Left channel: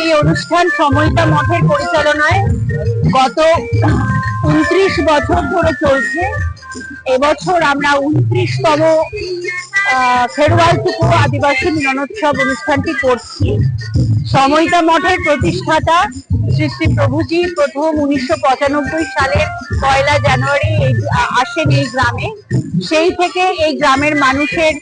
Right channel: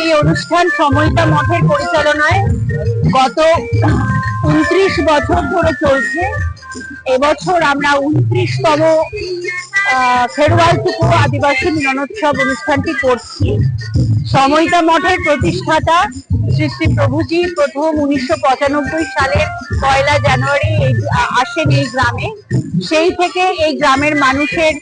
এই অনুষ্ঠান সময়িতা মঠের পরিচালনায় গত 29 বছর ধরে চলছে। এবছর আমরা 29তম খেরওয়াল টুকু আদিবাসী মিলনোৎসব অনুষ্ঠানটি করছি। সময়িতা মঠের প্রতিষ্ঠাতা শ্রী শ্রী প্রভুজি প্রথম 1995 সালের 1 জানুয়ারি আসেন এই গ্রামে। সেই থেকে এই গ্রামের মানুষের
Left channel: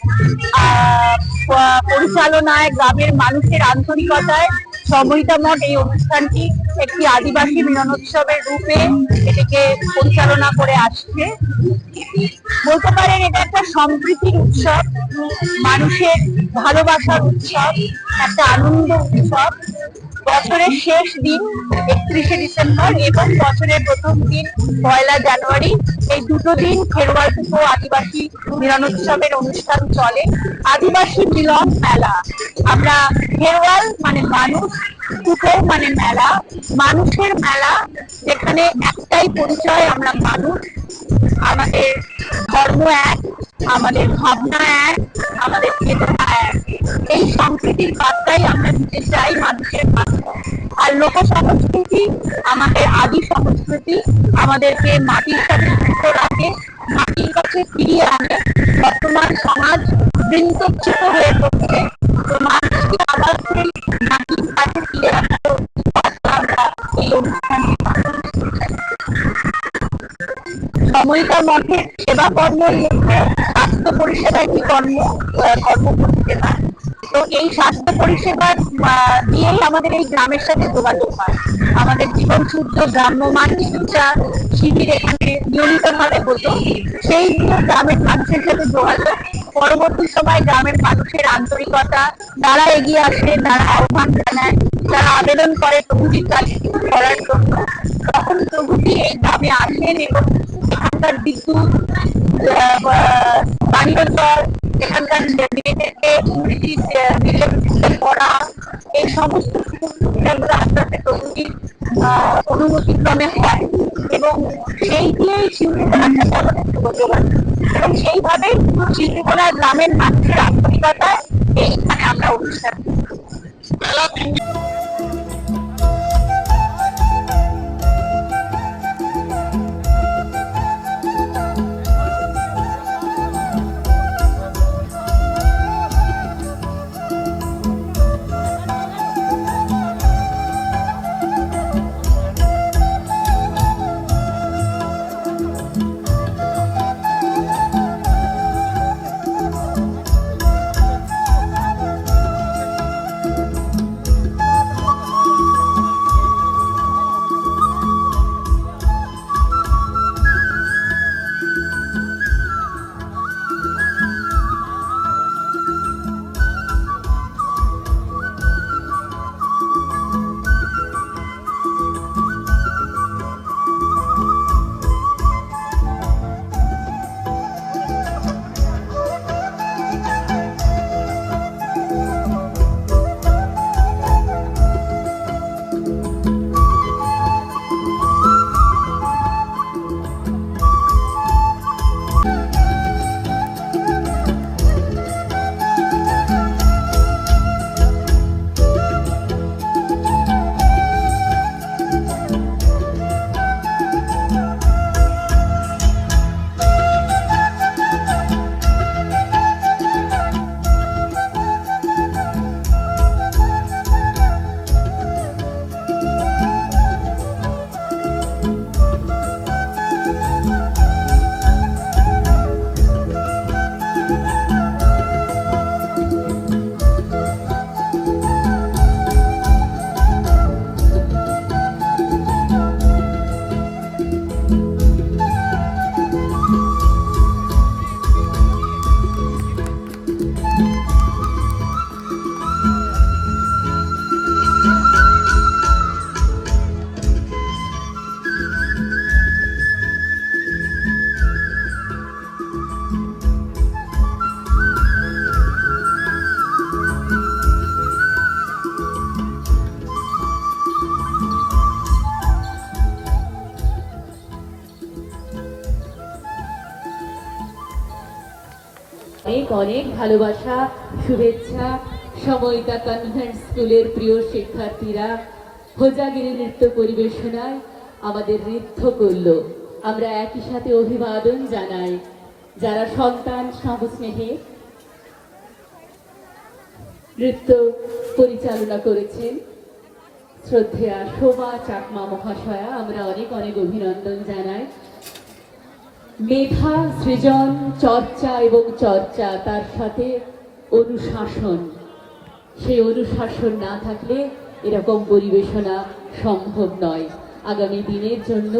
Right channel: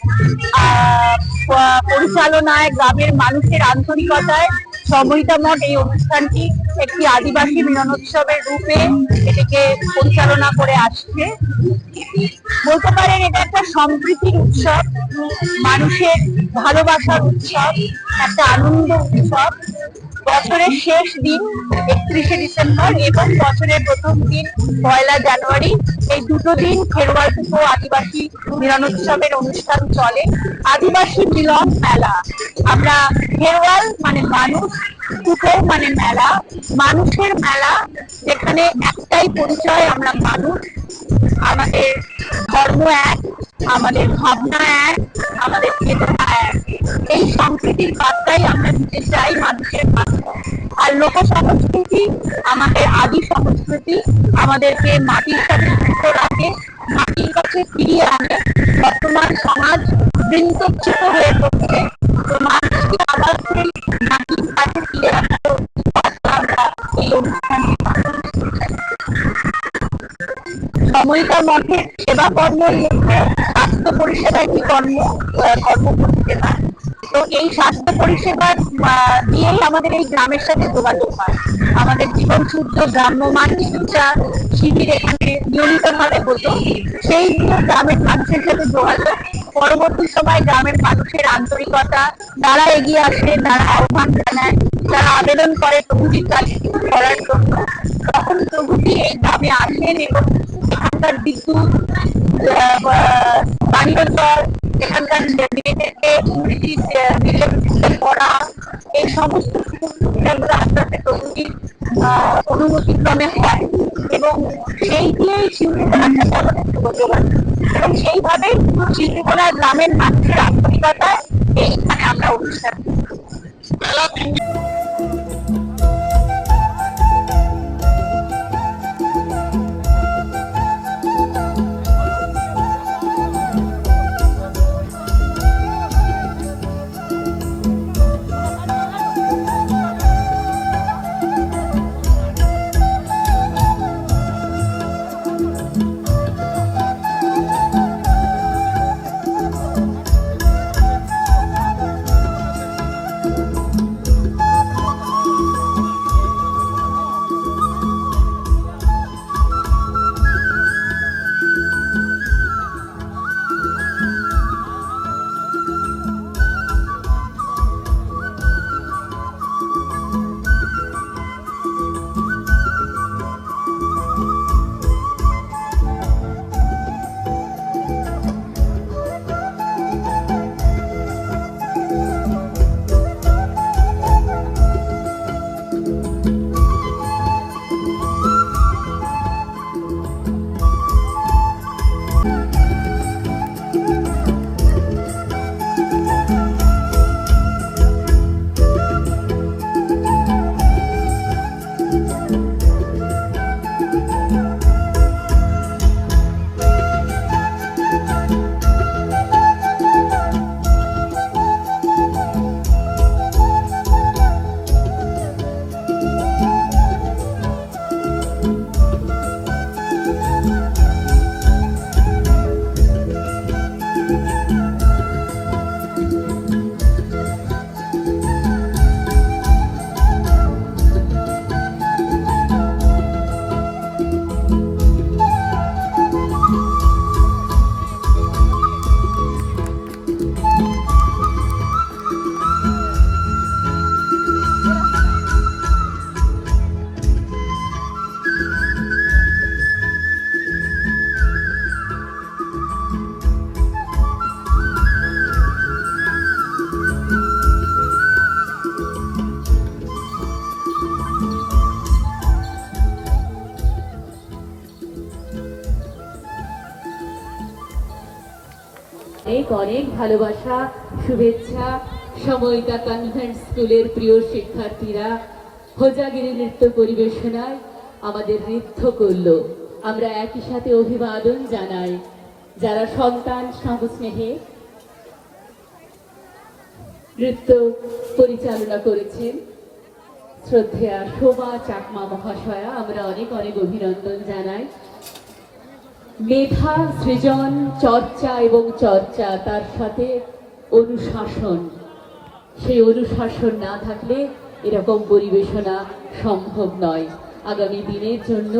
পরিচালনায়, গ্রামের মানুষের আন্তরিকতায় সময়িতা মঠ এই অনুষ্ঠানটি একটি আদিবাসী মিলনোৎসবের রূপে এটিকে পরিচালনা করে আসছে। বলতে পারেন এটা একটা সম্প্রীতির উৎসব, মানুষের ভালোবাসার উৎসব, একটা আনন্দ উৎসব। বছরের শেষ দিন 31শে ডিসেম্বর এবং বছরের প্রথম দিন 1 জানুয়ারি, এই দুটো দিন খেরওয়াল টুকু আদিবাসী মিলনোৎসবের অনুষ্ঠান চলে। আদিবাসী মিলন মেলা, আমরা খেরওয়াল মানে মানুষ, টুকু মানে মেলা, মানুষের মেলা, যেখানে একটাই পরিচয়, আমরা মানুষ। আমাদের ধর্ম এক, আমাদের ভাবনা এক, আমাদের চেতনা এক। এই সংস্কৃতির বার্তাই আমরা দিতে চাই মানুষের কাছে। আর লোক সংস্কৃতি আমাদের আদি সংস্কৃতি, আমাদেরকে মাটির সাথে যুক্ত রাখে, মাটির কাছে ফিরিয়ে আনে। বর্তমান সমাজ বৃন্তচ্যুত হয়ে পড়ছে, তো মানুষকে আবার সেই মাটির কাছে ফিরে আসার আমরা এই অনুষ্ঠানটি সময়িতা মঠের সেবা কর্মের মধ্যে স্বাস্থ্য পরিষেবা একটি কর্ম পরিষেবা। তো এই স্বাস্থ্য পরিষেবা দিয়েই আমাদের এই গ্রামের সাথে যোগাযোগ হয়। আমাদের জীবন শুদ্ধ গ্রাম্যমান চিকিৎসা শিবির এখানে নিয়মিত ভাবে হতো। সেই নিয়ে গ্রামের মানুষের সাথে যোগাযোগ, পরবর্তী সময় গ্রামের মানুষের আন্তরিকতা, তারা এগিয়ে আসে, তারা আহ্বান জানায়, তারা আবেদন করে প্রভুজির কাছে কিছু করার জন্য। তখন প্রভুজি এই গ্রামে আসেন এবং এখানকার বিদ্যুৎ, পানীয় জল, এখানকার মেয়েদেরকে ইংরেজি পড়া, এই সমস্ত সুবিধাগুলো আস্তে আস্তে প্রভুজির অনুমতিক্রমে হয় এবং সেই দিয়েই শিল্পীকলার সাথে আমাদের যোগাযোগ। এবং সেইভাবে শিল্পীকলা গ্রামের মানুষের আন্তরিকতায় এইখানে আমরা অনুষ্ঠান অনেক অনেক ভালোবাসা, শুভেচ্ছা, সময়টা কনভেন্ট স্কুলের প্রিয় শিক্ষার্থীরা হোজাগিরি নৃত্য পরিবেশনায় আমাদের নৃত্য করলো। আমরা একই সাথে অভিবাদন জানাই যারা সন্তান স্নেহে নৃত্য পরিচালনা করেছেন। শ্রদ্ধেয়া শোভা চাকমা মহাশয়া, আমরা অনেক অনেক অভিনন্দন জানাই। মেধা, সৃজন, চর্চা এবং চর্চা, তার সাথে অনুশাসন, সেই অনুশাসন না থাকলে এরকম পরিবেশনা সম্ভব নয়। আগামী দিনের জন্য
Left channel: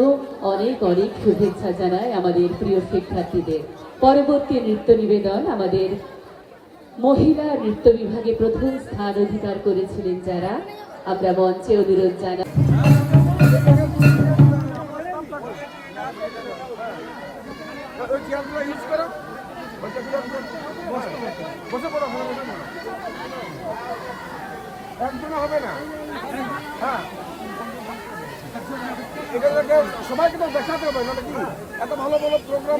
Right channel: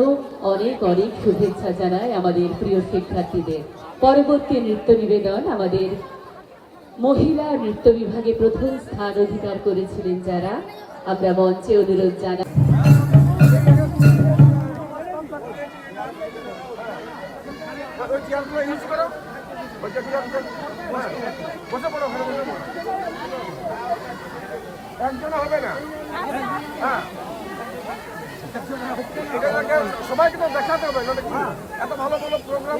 অনেক অনেক শুভেচ্ছা জানাই আমাদের প্রিয় শিক্ষার্থীদের। পরবর্তী নৃত্য নিবেদন আমাদের মহিলা নৃত্য বিভাগে প্রথম স্থান অধিকার করেছিলেন যারা, আমরা মঞ্চে অনুরোধ জানাই। সবাইকে তো দেখাতে হবে, এত ভালো ভালো প্রোগ্রাম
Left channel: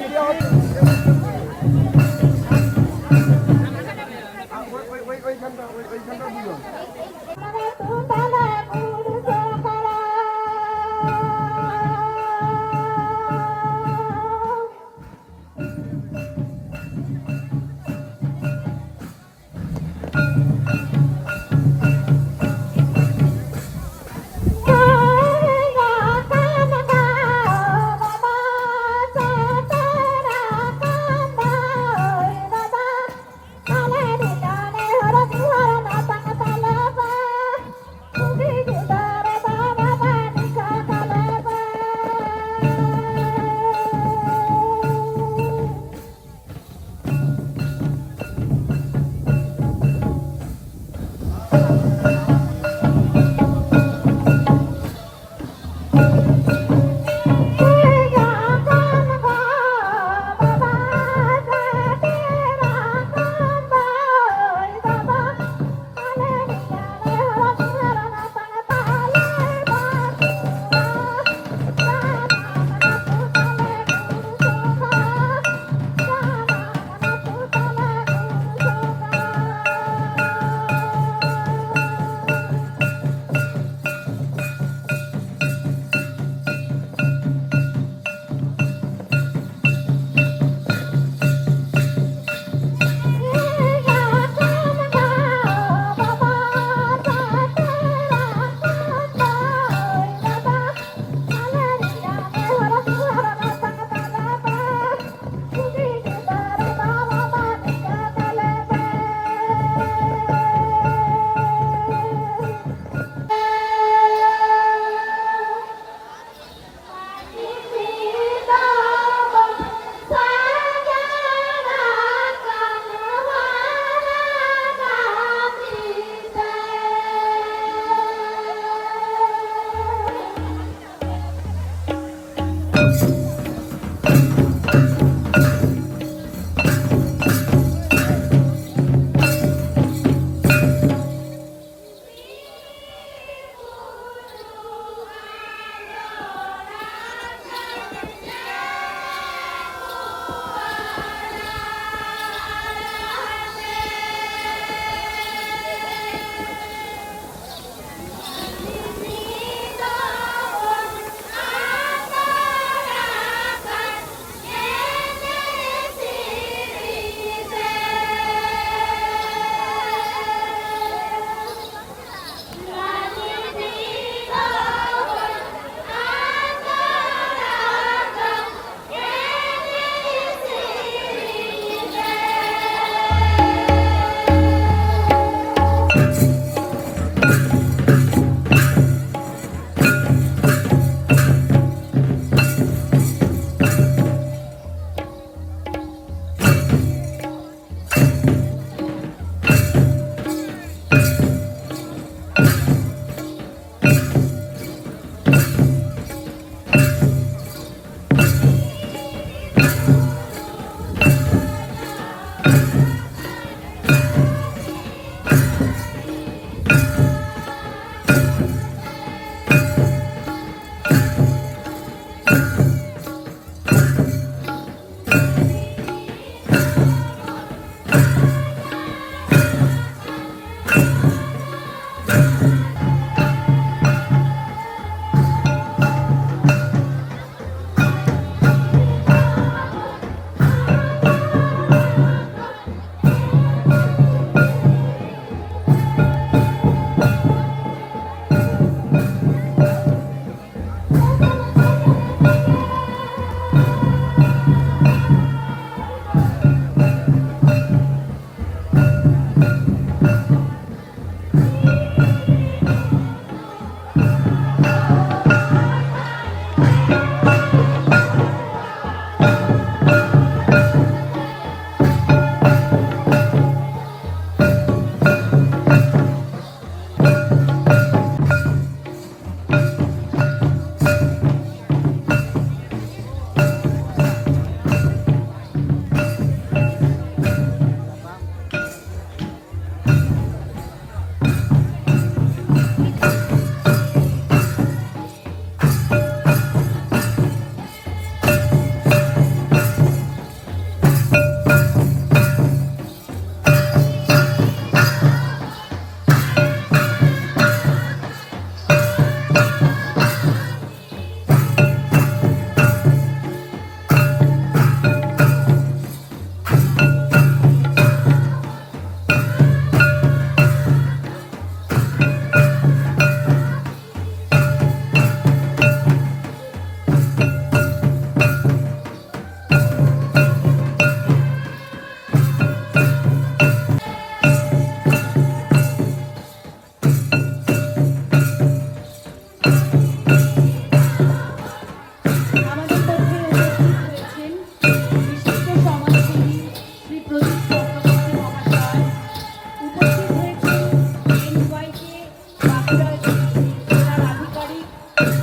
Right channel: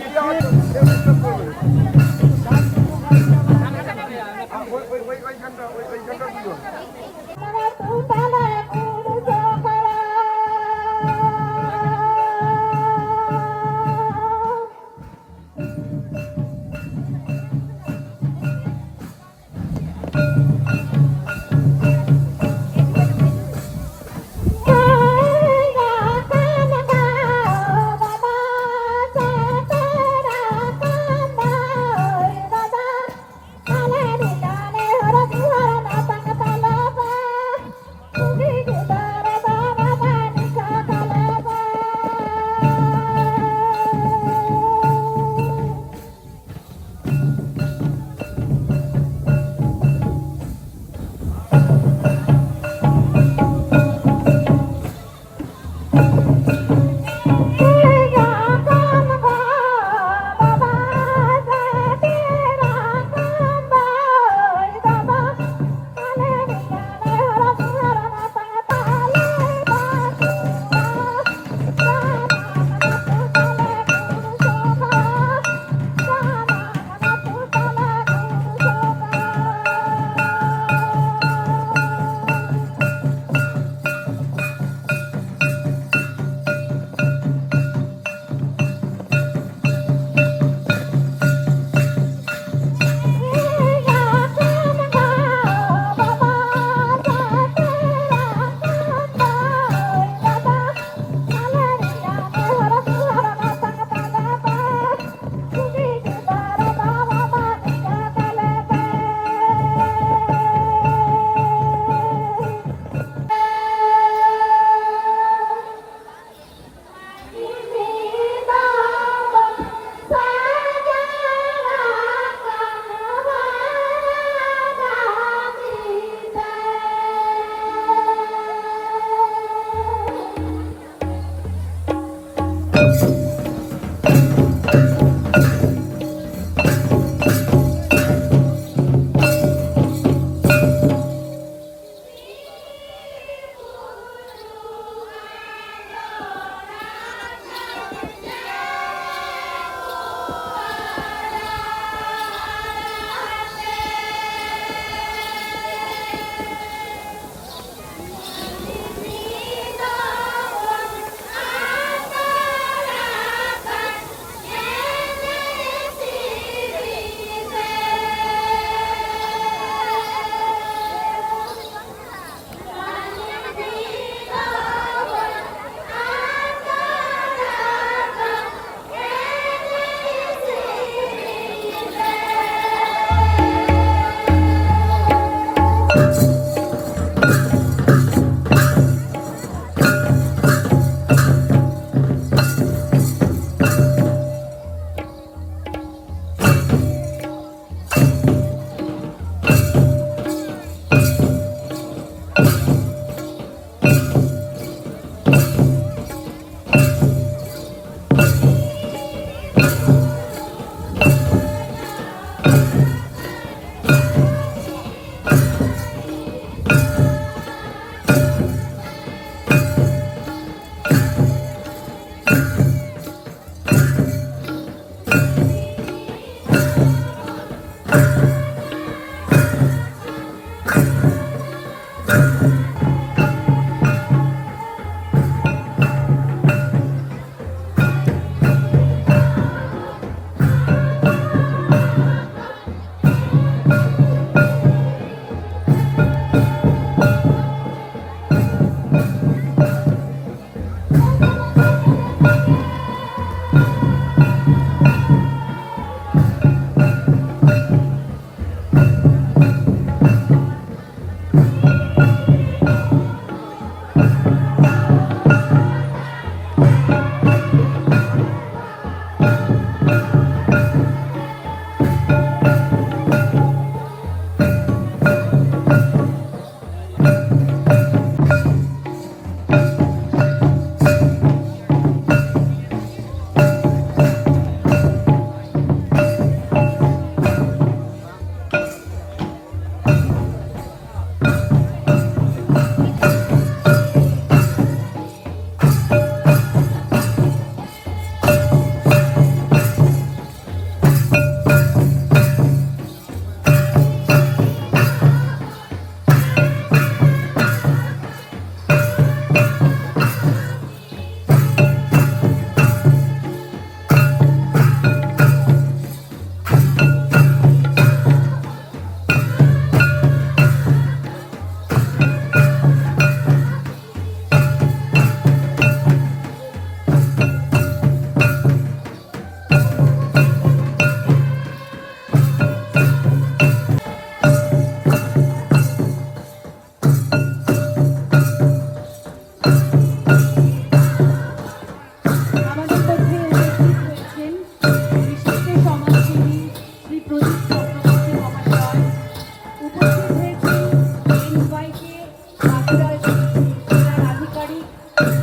জেলার আধিকারিক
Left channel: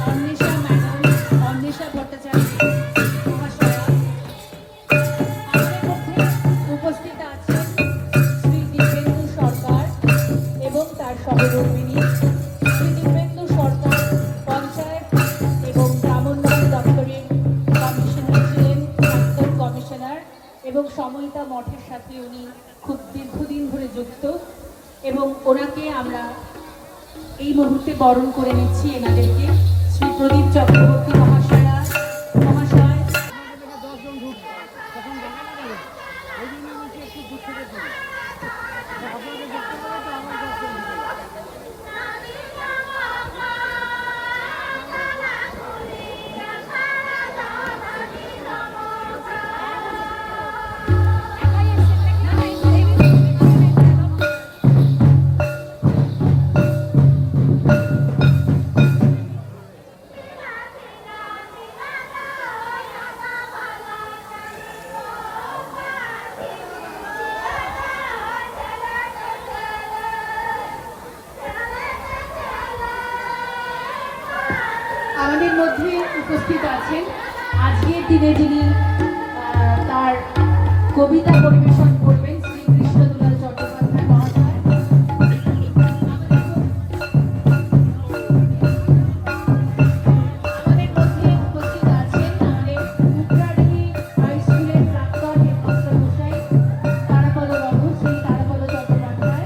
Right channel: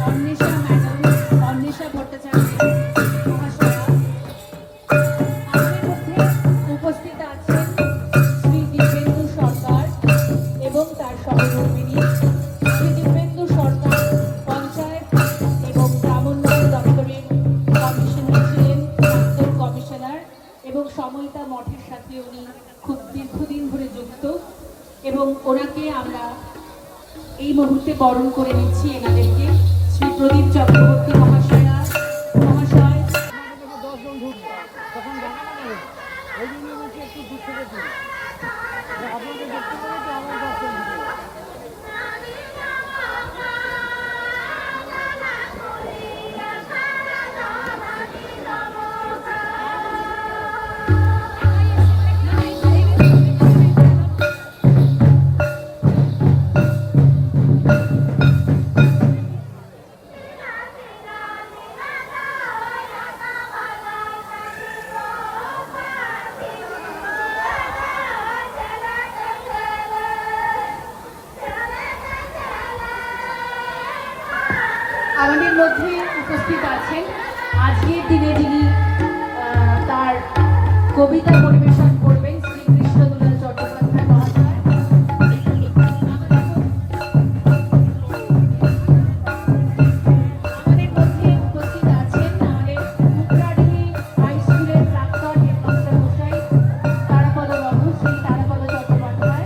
অন্বেষা ম্যাডাম, অন্বেষা ভট্টাচার্য মহাশয়া, আমাদের মধ্যে উপস্থিত আছেন শ্রী দিব্যেন্দু সরকার এবং তার সহধর্মিণী। শ্রী দিব্যেন্দু সরকার পঞ্চায়েত এবং গ্রামোন্নয়ন দপ্তরের কমিশনার ছিলেন, প্রাক্তন কমিশনার, এবং সময়িতা মঠের সাথে উনি খুব দীর্ঘদিন ধরে যুক্ত, এবং ওনাকে আমরা এই মুহূর্তে বরণ করে নিচ্ছি এনাদেরকে। শ্রী প্রদীপ চক্রবর্তী মহাশয়, দশজন ঢুকবে তখন দেখা যাবে, ওই জন্য বলছি একটু দূর থেকে দিন, আপনাকে দেখতে পারে তো আমার 10জন ঢুকে যাবে। আমাদের মধ্যে উপস্থিত আছেন আজকের দিনে যিনি তার কবিতা পরিবেশন করবেন, শ্রী কৃষ্ণদুলাল চট্টোপাধ্যায় মহাশয়। আমাদের মধ্যে উপস্থিত আছেন আমাদের মুখরাডি হাই স্কুলের প্রাক্তন হেডমাস্টার মশাই তারাপদ বাবু, শ্রী তারাপদ চট্টোপাধ্যায়।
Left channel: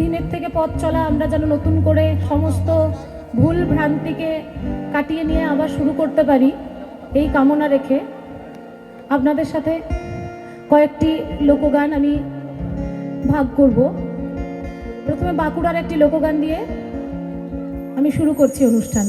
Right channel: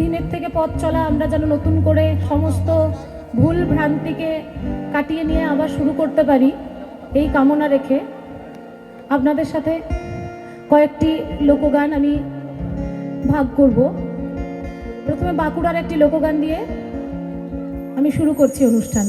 দিনের থেকে পথ চলা আমরা যেন নতুন করে সমস্ত ভুল ভ্রান্তিকে কাটিয়ে নিয়ে আবার শুরু করতে পারি, এই কামনা রেখে আপনাদের সাথে কয়েকটি লোকগান আমি ভাগ করব। প্রথমে বাঁকুড়ার একটি লোকগান দিয়ে আমি শুরু করছি অনুষ্ঠান।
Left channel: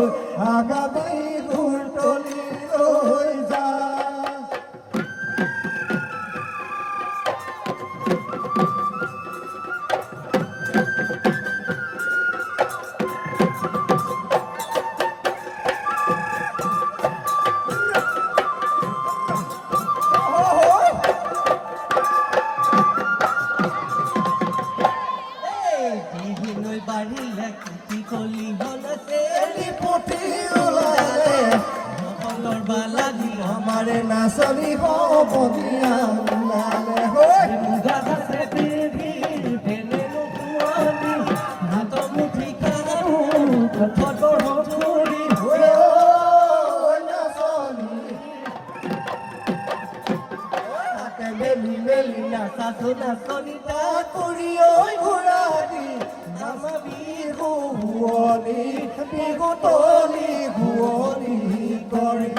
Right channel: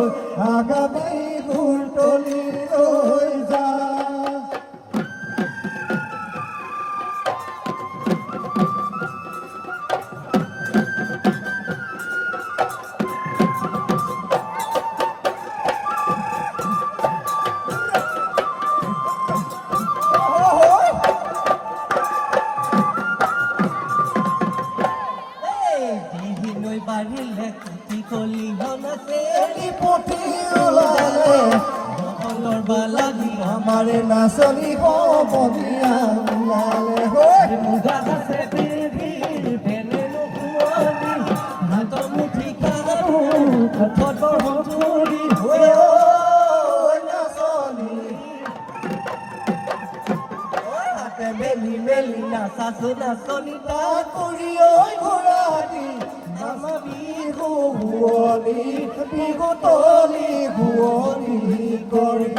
আগামী ঘুরটলি রই যা আমারে নাচনি হবনিয়া লালে হয় মেলি মেলি নাচা নাচনিতা কৰি ঐ ঘোৰাদি নামা বিহু ভুৱনি বিহুতলি ভুৱনি কৰি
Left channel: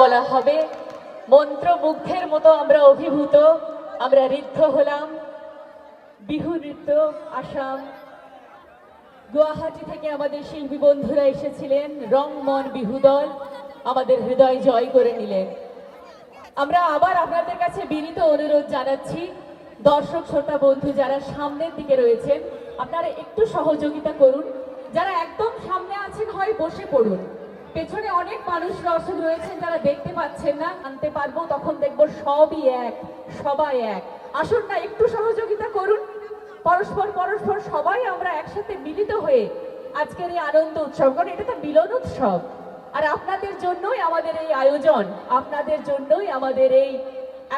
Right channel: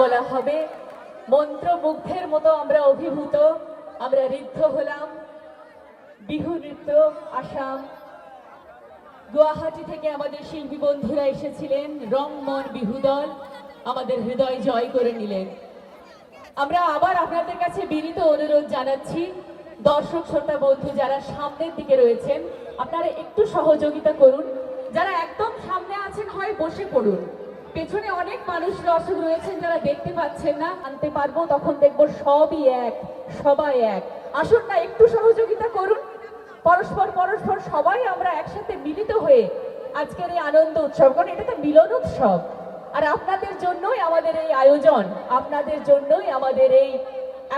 বলা হবে মন্ত্রমুগ্ধের মতো আমরা অভিভূত, আমরা ঋদ্ধ হলাম। বিহু নৃত্য আসাম গুয়াহাটি থেকে আমাদের শিল্পী বন্ধুরা এসেছিলেন, রংমন বিহু দল আমাদের হৃদয় জয় করে নিলেন। আমরা আবার আপনাদের কাছে বিনীত অনুরোধ জানাচ্ছি, দর্শক শ্রোতা বন্ধু যারা সামনের দিকে রয়েছেন আপনারা একটু সহযোগিতা করুন। যারা একদম সামনে আছেন হয় বসে পড়ুন, পেছনে অনেক মানুষ দর্শক রয়েছেন যারা দেখতে পাচ্ছেন না, আনতে পারবো তখন দেখবো সবই এক, সবাই এক। আসুন না একটু সহযোগিতা করুন, পরস্পর পরস্পর সবাই আমরা একসাথে মিলিত হয়ে আজকের এই আনন্দ উৎসব, কারণ এটা তো মিলন উৎসব। আর আপনাদের জন্যই আমাদের এই আয়োজন, আপনাদের জন্যই আমাদের এই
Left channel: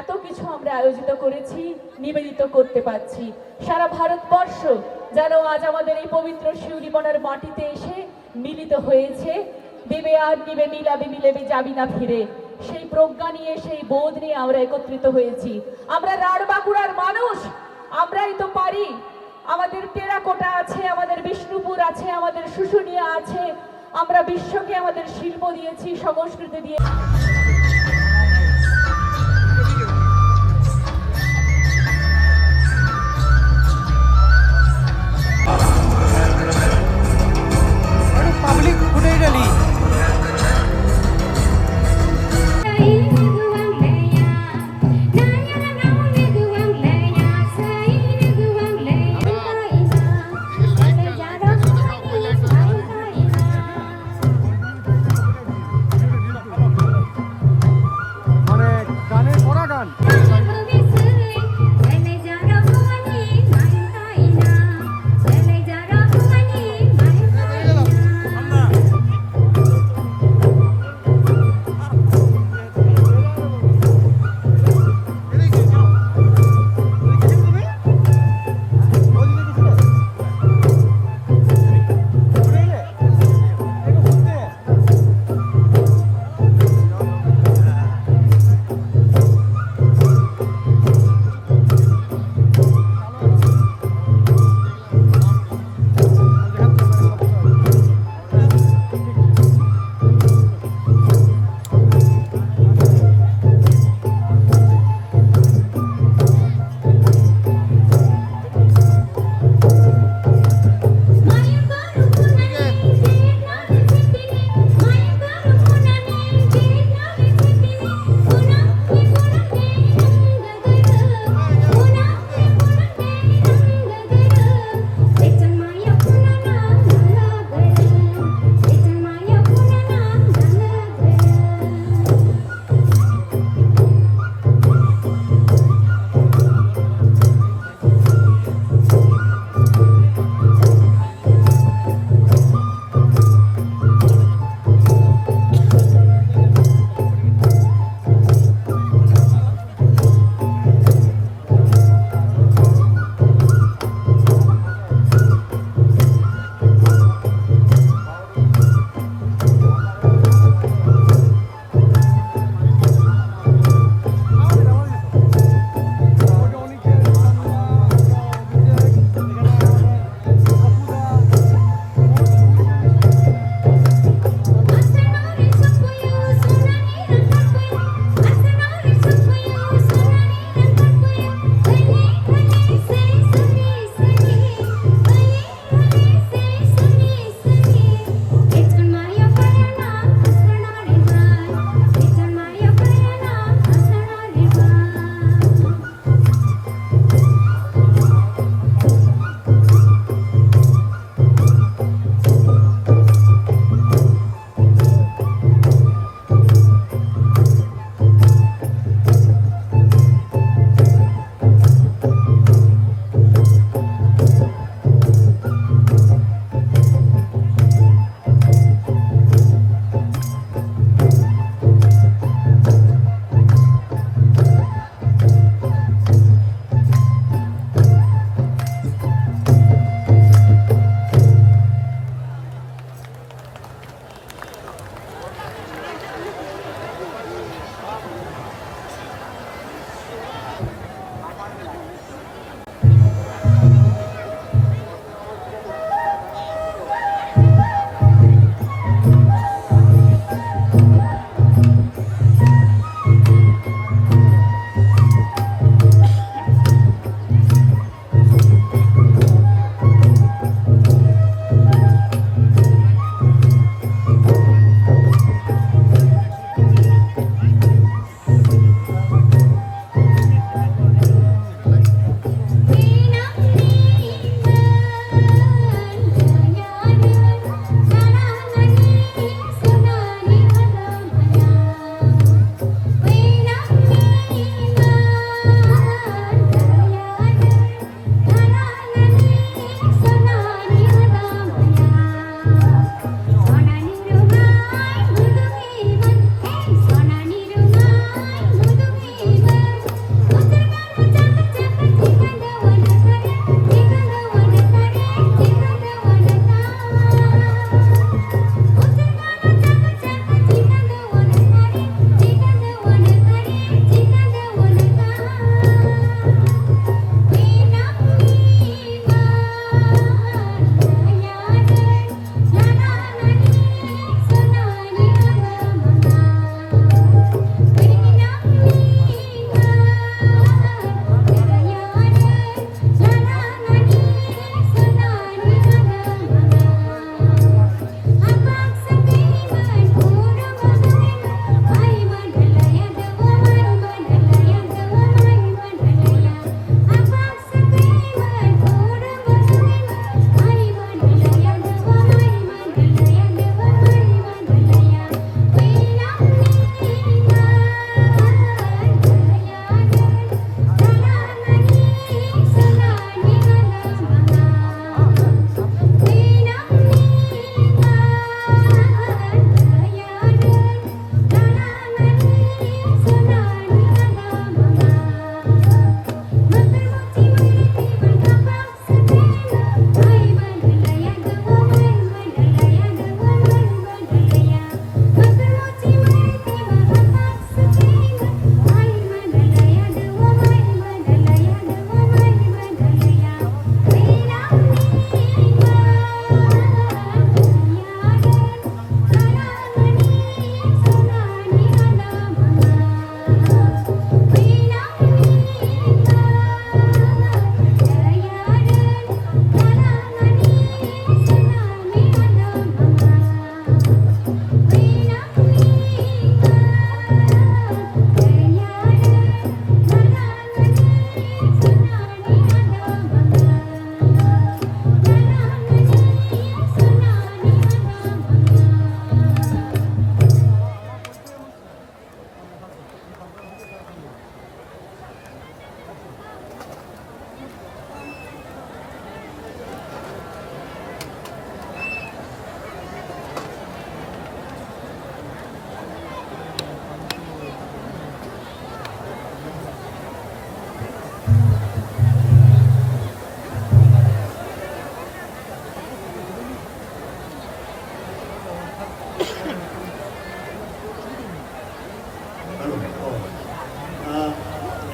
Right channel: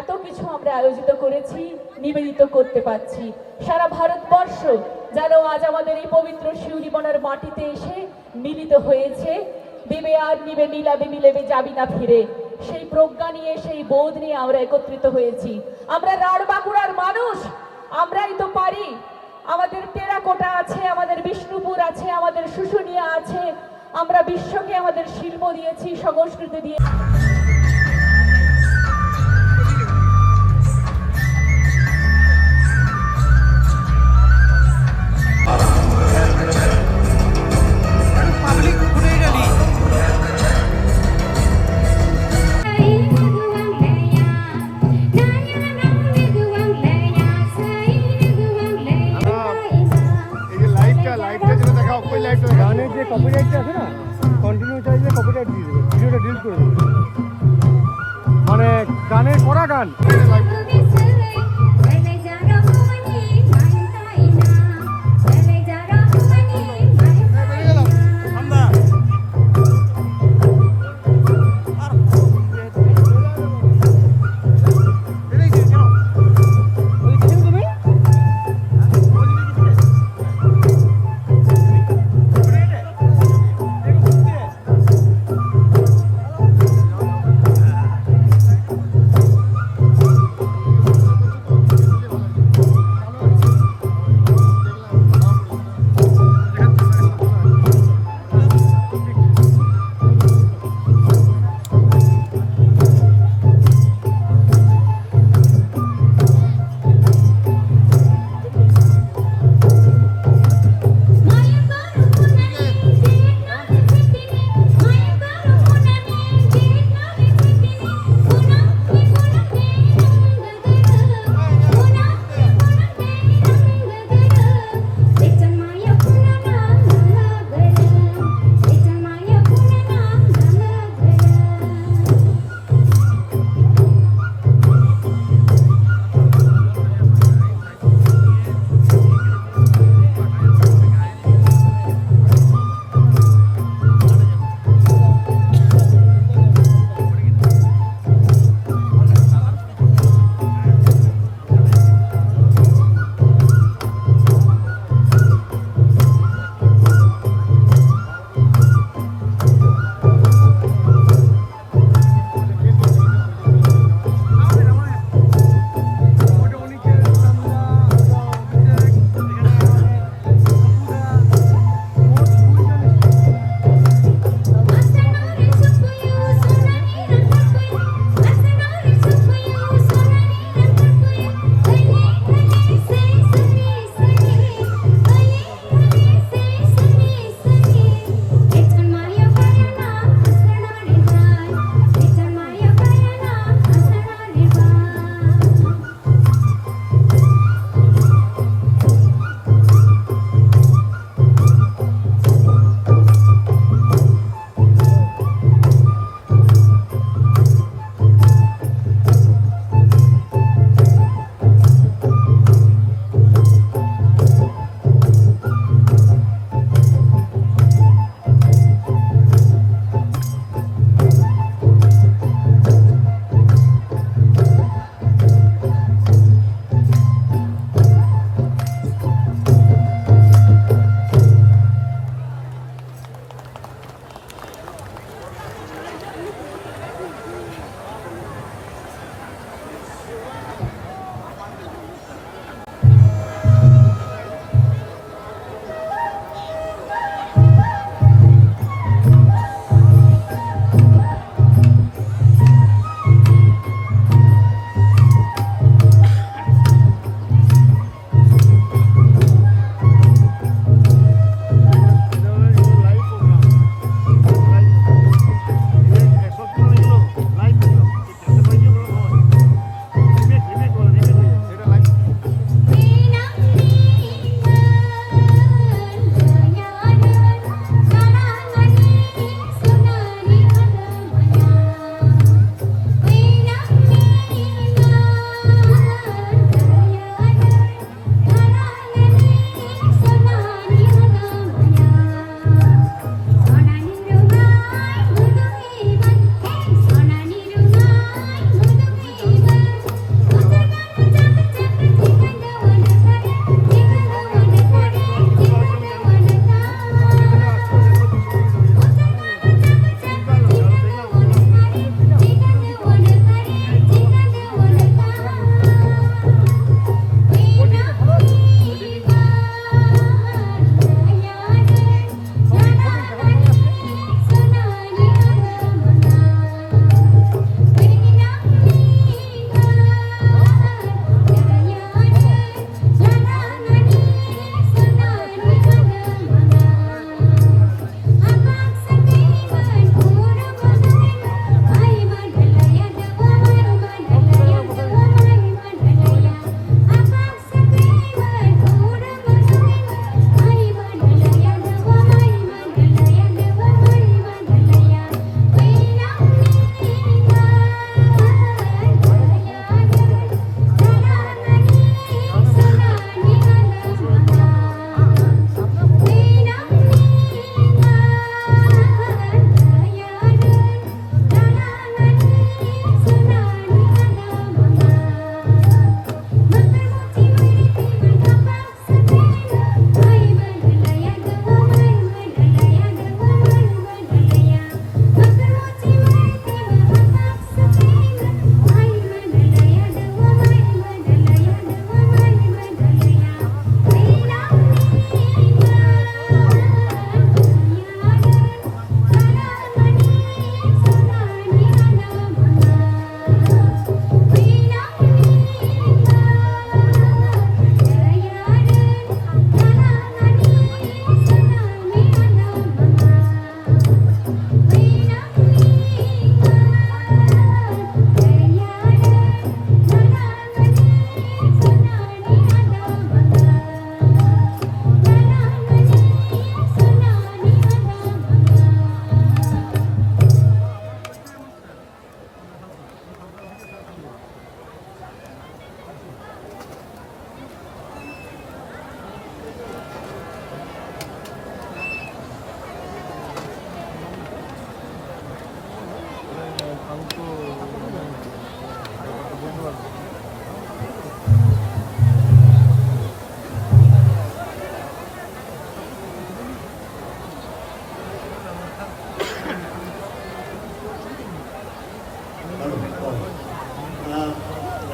এত কিছু আমরা আয়োজিত করেছি, নিবেদিত করতে পারছি। সারা ভারতবর্ষ যেন আজ আমাদের এই পবিত্র শিউরিমনার মাটিতে এসে মিলিত হয়েছে। দেবে আর নিবে মিলাবে মিলেবে যাবি না ফিরে, সেই প্রজ্ঞা নিয়ে সেই বোধ নিয়ে আমরা একত্রিত হয়েছি। আমরা রাঢ় বাঁকুড়ার মানুষ, আমরাই তো পারি। আমাদের টেরাকোটা আছে, আমাদের বিষ্ণুপুর আছে, আমাদের শুশুনিয়া আছে। আমরা বিশ্বকে আমাদের শিল্প দিয়েছি, সংস্কৃতি দিয়ে। মানে গানের করা গান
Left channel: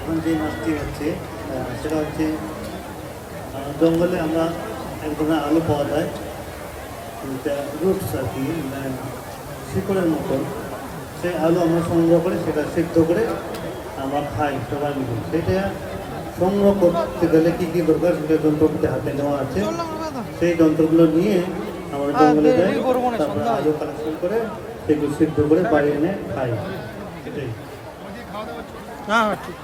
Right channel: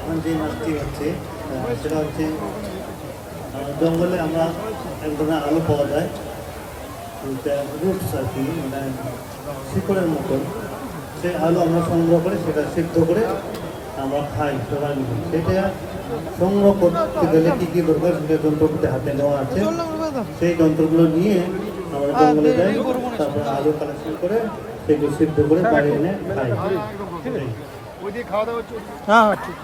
এখন যে মাছটি হচ্ছে সেটা হচ্ছে জঙ্গলে আমরা এক ধরনের আলু পাওয়া যায়, রুটস আর কি, মানে শিকড়ের মতন। সেই আলু আমরা সংগ্রহ করে সেটা সিদ্ধ করে আমরা খাই সবাই মিলে। সেটা সংগ্রহ করতে গেলে কী কী দরকার সেটা যন্ত্রপাতি হাতে নেওয়া আছে। সেই যন্ত্রগুলো নিয়ে আমরা জঙ্গলে যাই, তারপরে আলু কালেকশন করে সেগুলো সিদ্ধ করে বাড়ি এনে খাই। এটাই। হ্যাঁ ঠিক।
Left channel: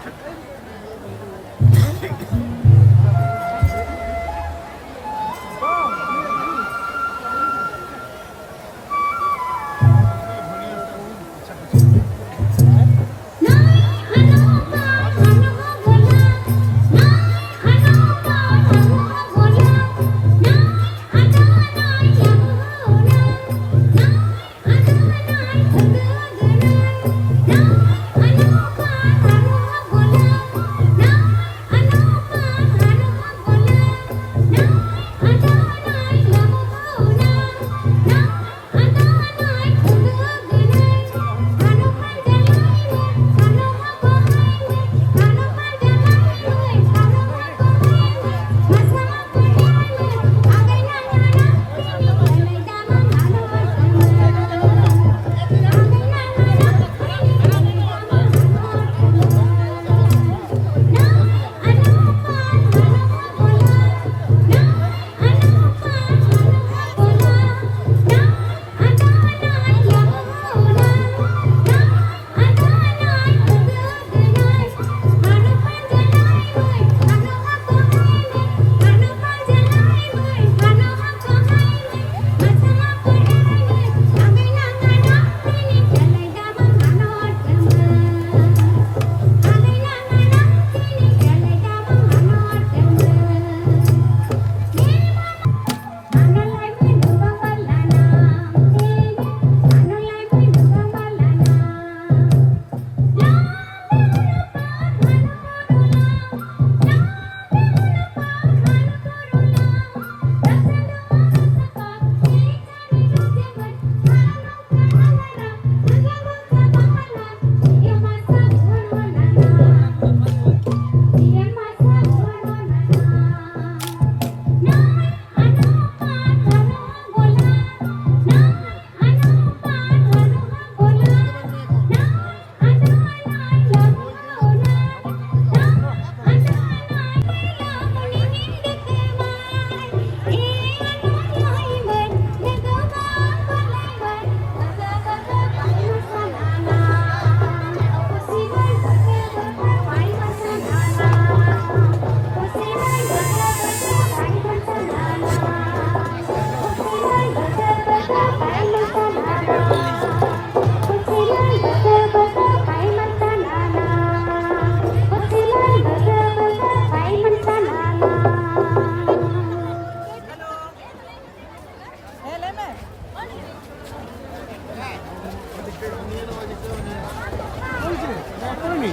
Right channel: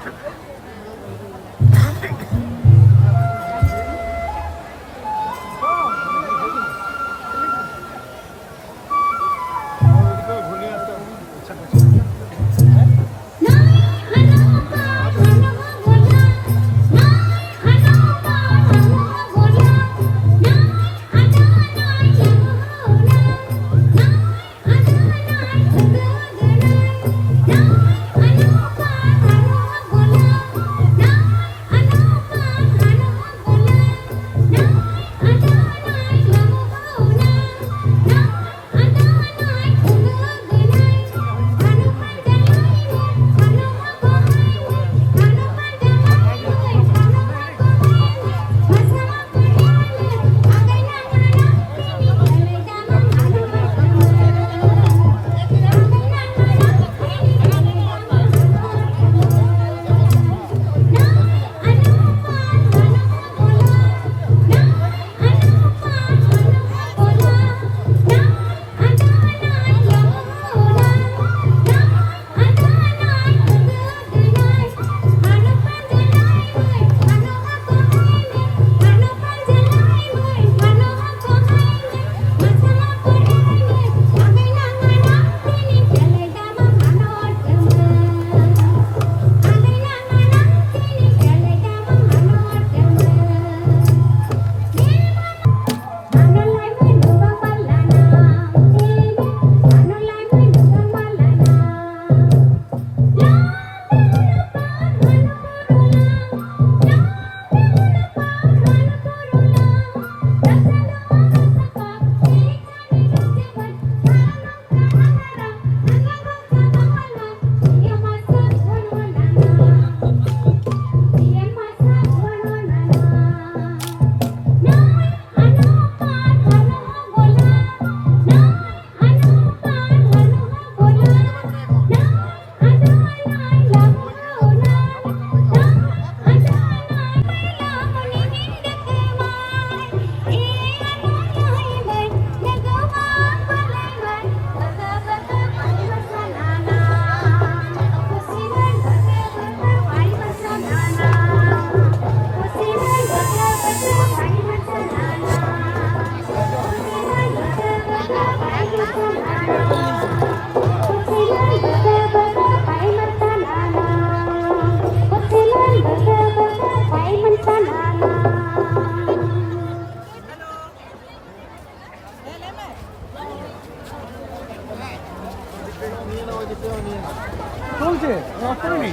চলছে অফ করে নি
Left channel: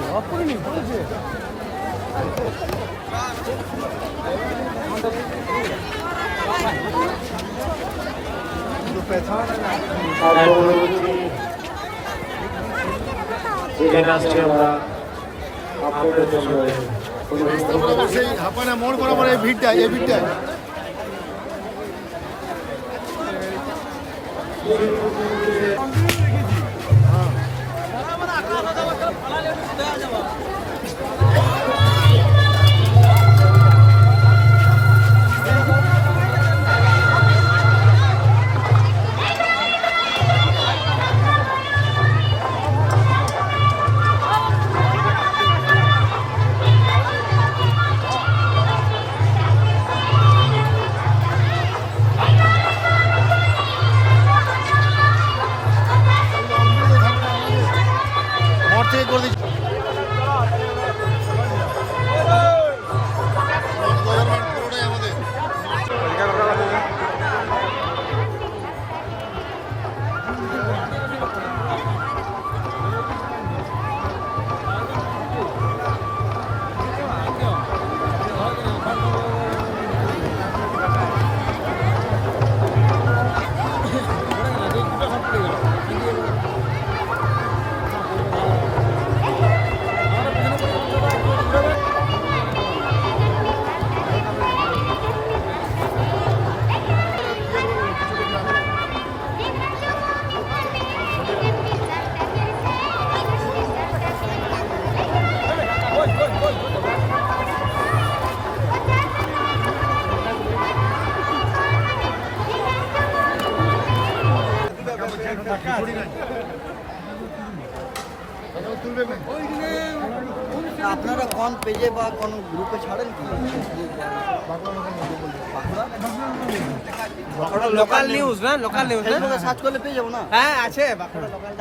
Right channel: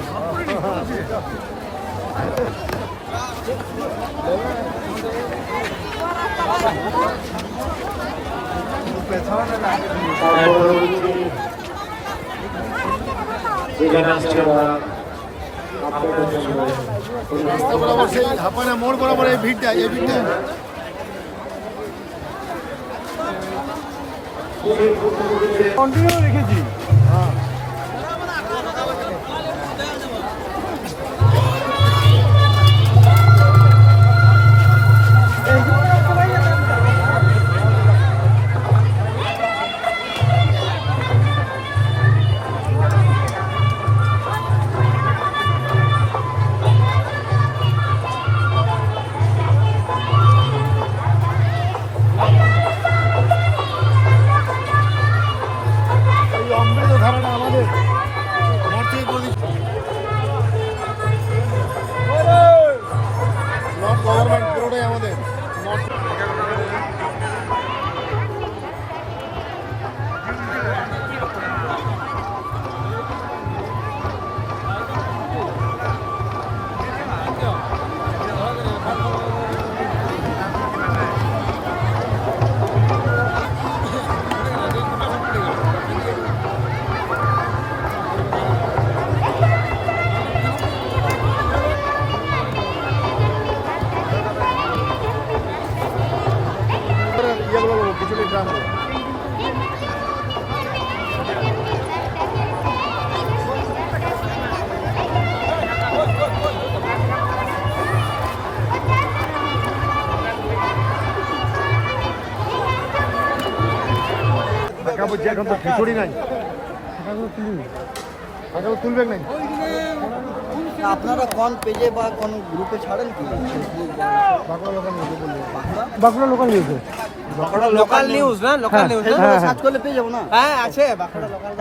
চলছে। সেই হাপানা মোড় বরাবর এই ভিড়টা কন্টিনিউ রেখেছি। হ্যাঁ থেকে করে দিচ্ছি। ছড়ি নাই তুলবে নাই আপনারা কোন পেজে বা কোন গ্রুপে ছাড়েন কি Bankura local news local news না লোকাল নিউজ সার্চ করলে পেয়ে যাবো না হ্যাঁ আছে বাঁকুড়া লোকাল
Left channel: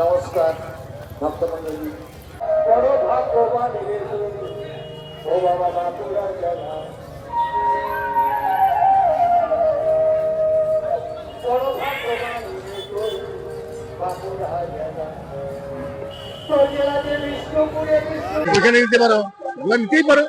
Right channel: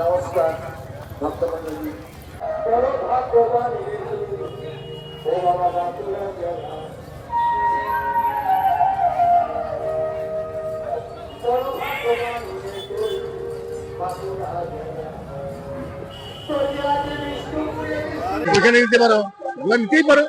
নমস্কার ভক্তমন্ডলী বড় ভাগ্যবান ও বাবা বাঁকুড়া জেলা বড় ভাগ্যবান বাঁকুড়া জেলা বিষ্ণুপুরে এখানে নিতে পারো নিতেই পারো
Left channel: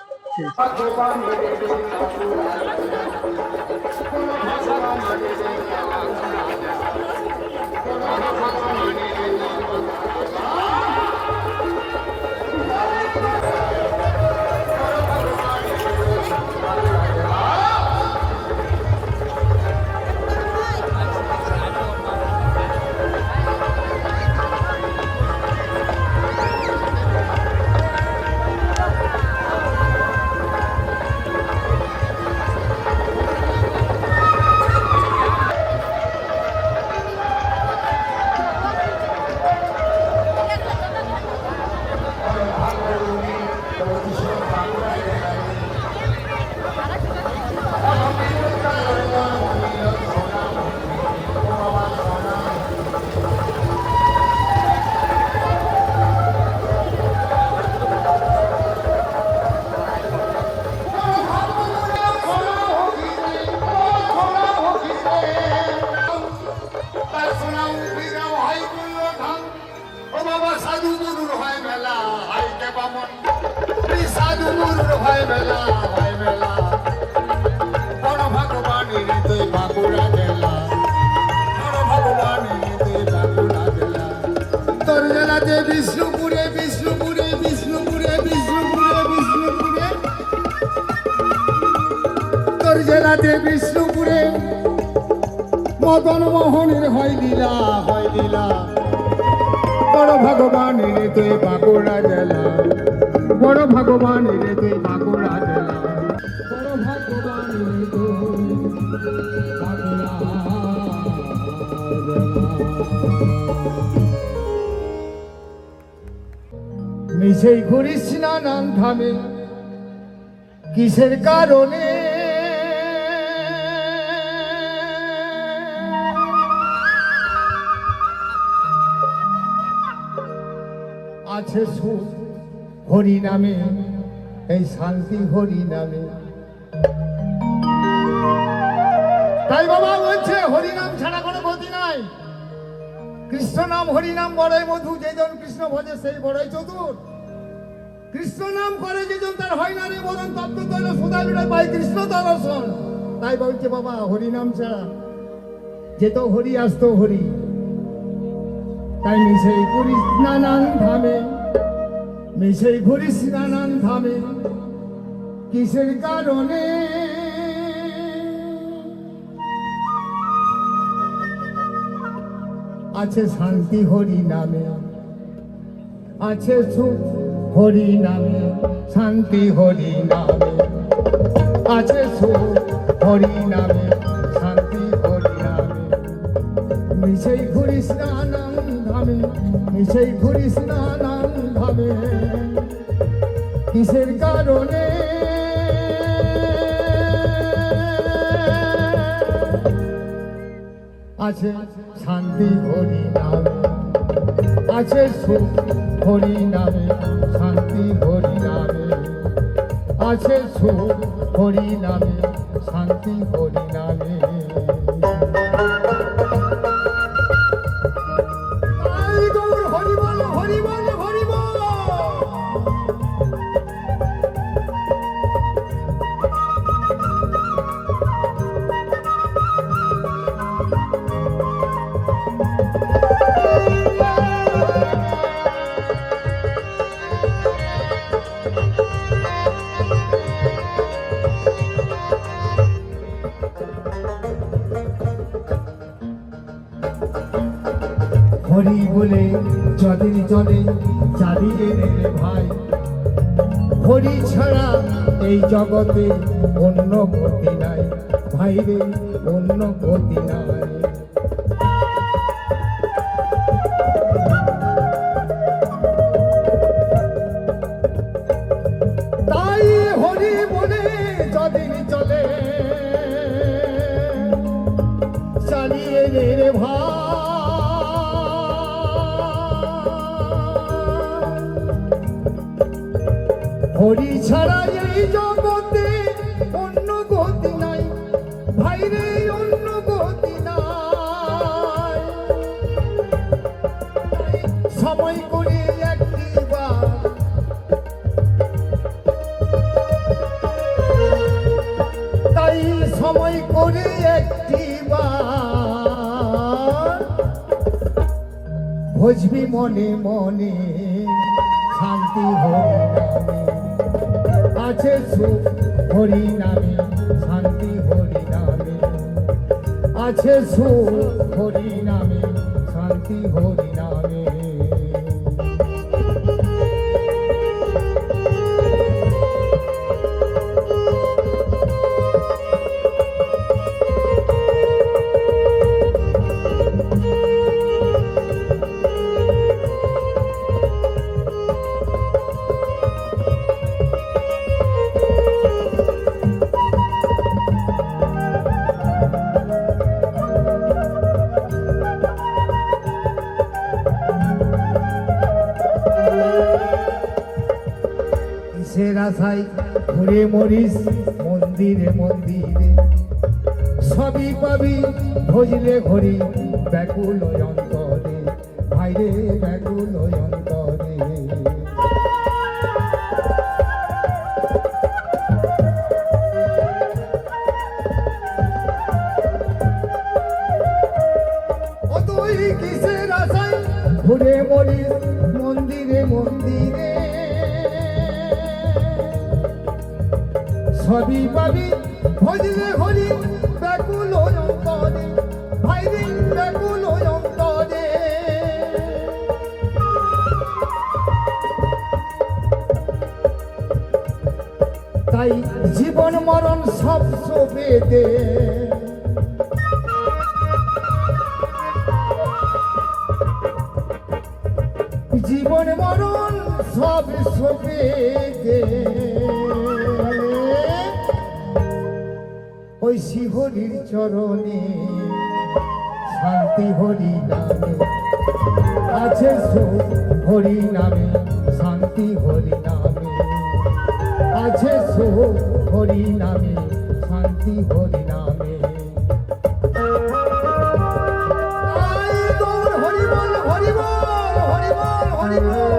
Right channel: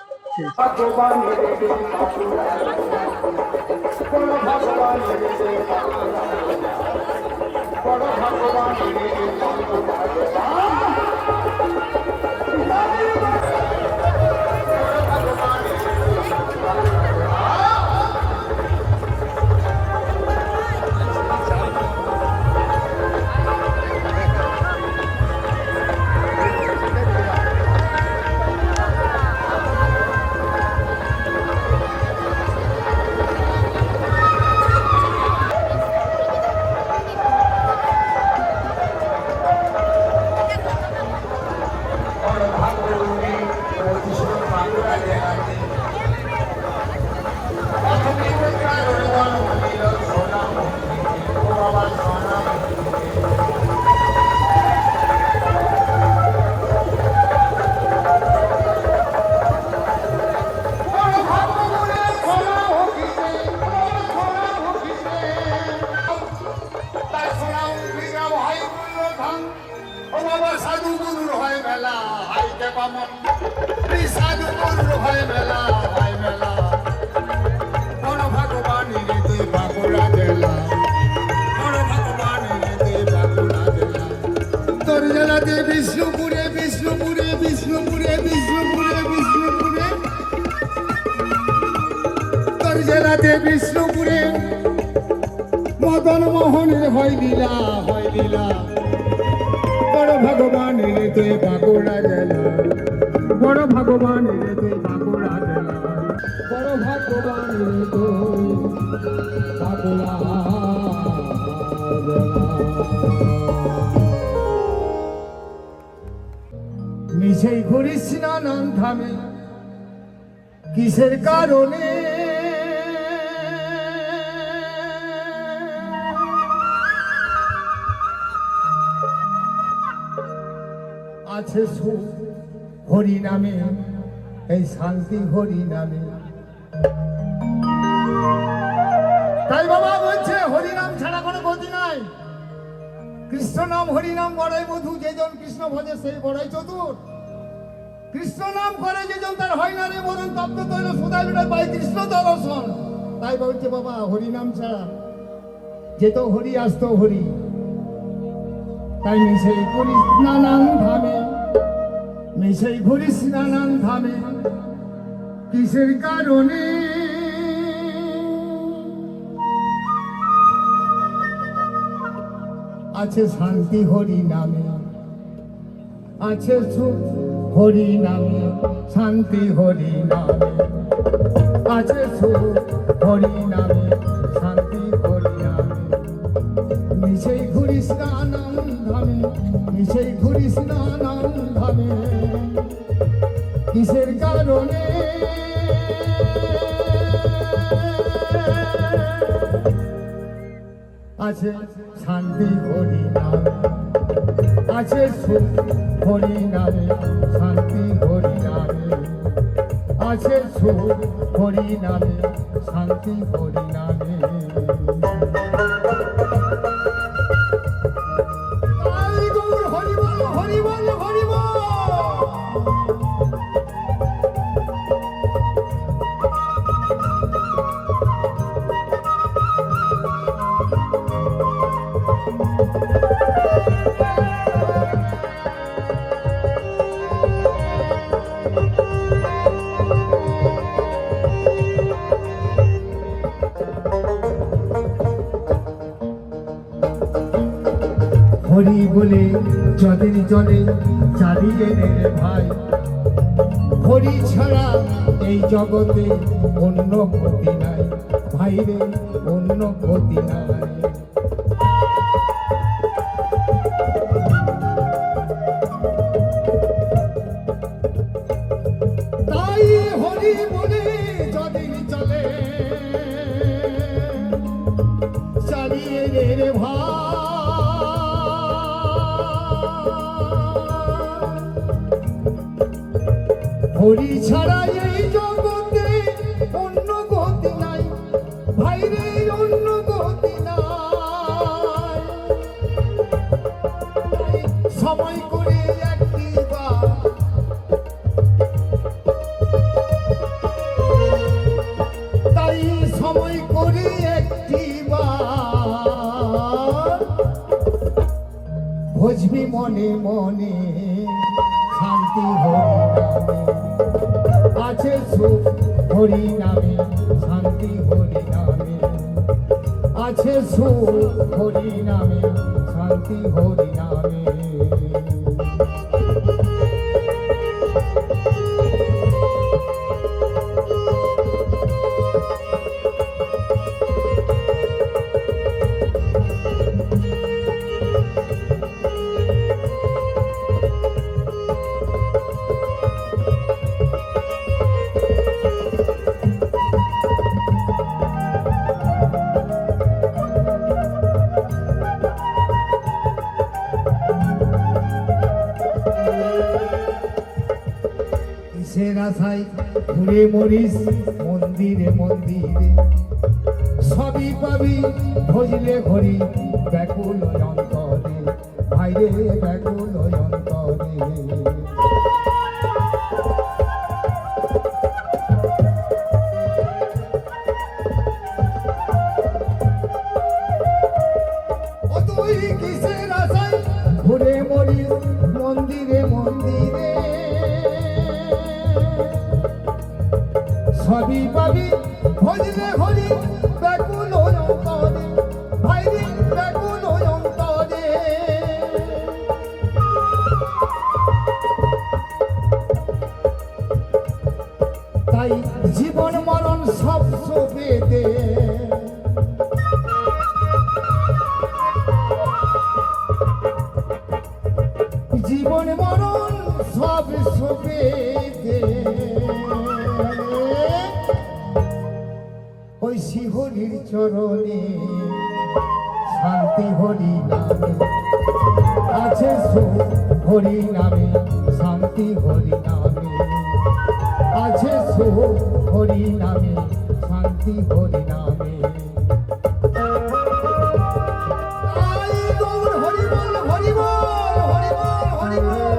বিষ্ণুপুরে বিষ্ণুপুরে বিষ্ণুপুরে বিষ্ণুপুরে বিষ্ণুপুরে তোর জেলাতে বিষ্ণুপুরে মদন মোহনের হয় লীলা বড় ভগবানের তুই বাঁকুড়া জেলা বড় ভগবানের তুই বাঁকুড়া জেলা বড় ভগবানের তুই বাঁকুড়া মিছেই ঘুরিস নানান ধামে কিসের কারণে আছে সুখ হরি নামে, এই শান্তি হরি নামে। তাই বাবা বলছে হরি নাম ছাড়া কোনো গতি নাই। কৃষ্ণ নাম হরি নাম বড়ই মধু, যেজন কৃষ্ণ ভজে সেই বড়ই চতুর। কৃষ্ণ নাম করে যেজন তার হয় না রে মরণ, তপ্ত তৈল সুদা বিড়ে পাই কৃষ্ণ দর্শন। তাই বলছে বাবা হরি নাম ছাড়া যেত হরি আসতো হরি। তাই মিশেই করিস নানান ধামে, মিশেই ঘুরিস নানান ধামে, কিসের কারণে? আছে শান্তি হরি নামে, আছে সুখ হরি নামে, শান্তি হরি নামে, আছে সুখ হরি নামে, শান্তি হরি নামে। মিশেই ঘুরিস নানান ধামে, মিশেই ঘুরিস নানান ধামে, কিসের কারণে? আছে শান্তি হরি নামে, আছে সুখ হরি নামে, শান্তি হরি নামে, আছে সুখ হরি নামে, শান্তি হরি নামে। হরি বল হরি বল হরি বল হরি বল। হরি বলে যদিন চলে চালিয়ে নে ভাই, হরি ছাড়া এই জগতে অন্য গতি নাই ভাই রে, অন্য গতি নাই। তাই হরি বলে যদিন চলে চালিয়ে নে ভাই, হরি ছাড়া এই জগতে অন্য গতি নাই ভাই রে, অন্য গতি নাই। সময় করে একটি বার, তাই সময় করে একটি বার ভজবি মনে মনে শান্তি হরি নামে, আছে সুখ হরি নামে, শান্তি হরি নামে, আছে সুখ হরি নামে, শান্তি হরি নামে। কিসের আশায় ঘুরে মরিস মন্দিরে মন্দিরে, সবই পাবি ভজলে ঘড়ি ব্যাকুল অন্তরে ভাইরে, ব্যাকুল অন্তরে। অতই কিসের আশায় ঘুরে মরিস মন্দিরে মন্দিরে, সবই পাবি ভজলে হরি ব্যাকুল অন্তরে ভাইরে, ব্যাকুল অন্তরে। তাই জীবন মরণ সব সপে দে, জীবন মরণ সব সপে দে, ওই শিহরির চরণে শান্তি হরি নামে, আছে সুখ হরি নামে, শান্তি শান্তি হরি নামে আছে সুখ হরি নামে শান্তি হরি নামে আই গৌর হরি বল হরি বল হরি বল হরি বল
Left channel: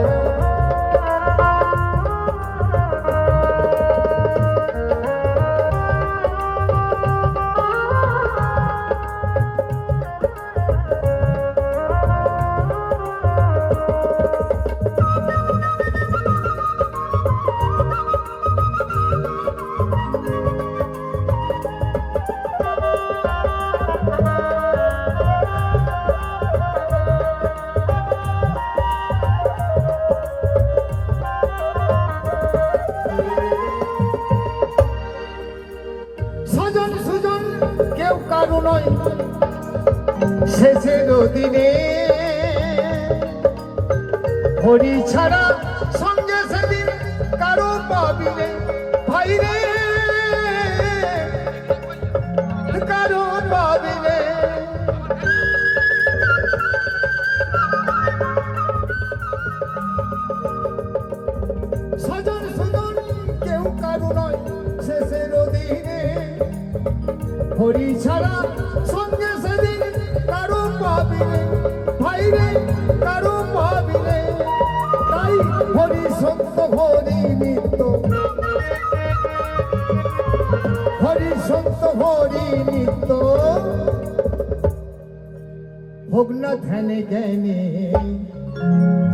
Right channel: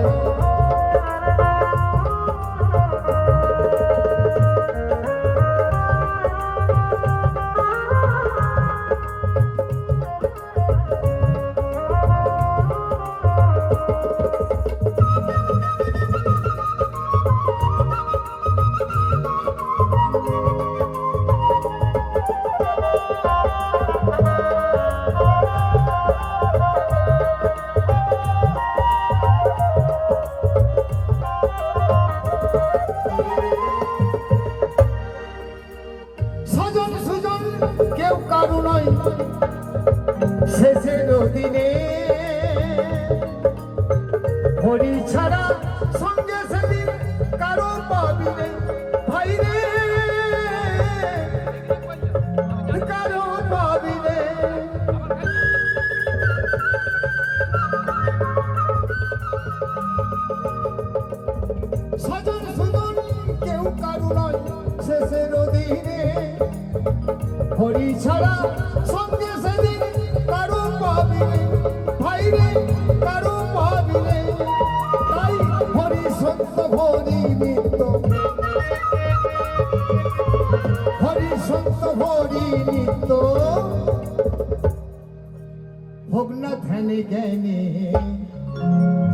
সজন সুজন কেউ কারো নয় শেষের দিনে হরি ছাড়া সঙ্গে সেদিন কারো পাবিনে ভাই রে কারো পাবিনে সজন সুজন কেউ কারো নয় শেষের দিনে হরি ছাড়া সঙ্গে সেদিন কারো পাবিলে ভাই রে কারো পাবিলে তাই হরি সত্য হরি নিত্য হরি সত্য হরি নিত্য হোক না ধ্যানে জ্ঞানে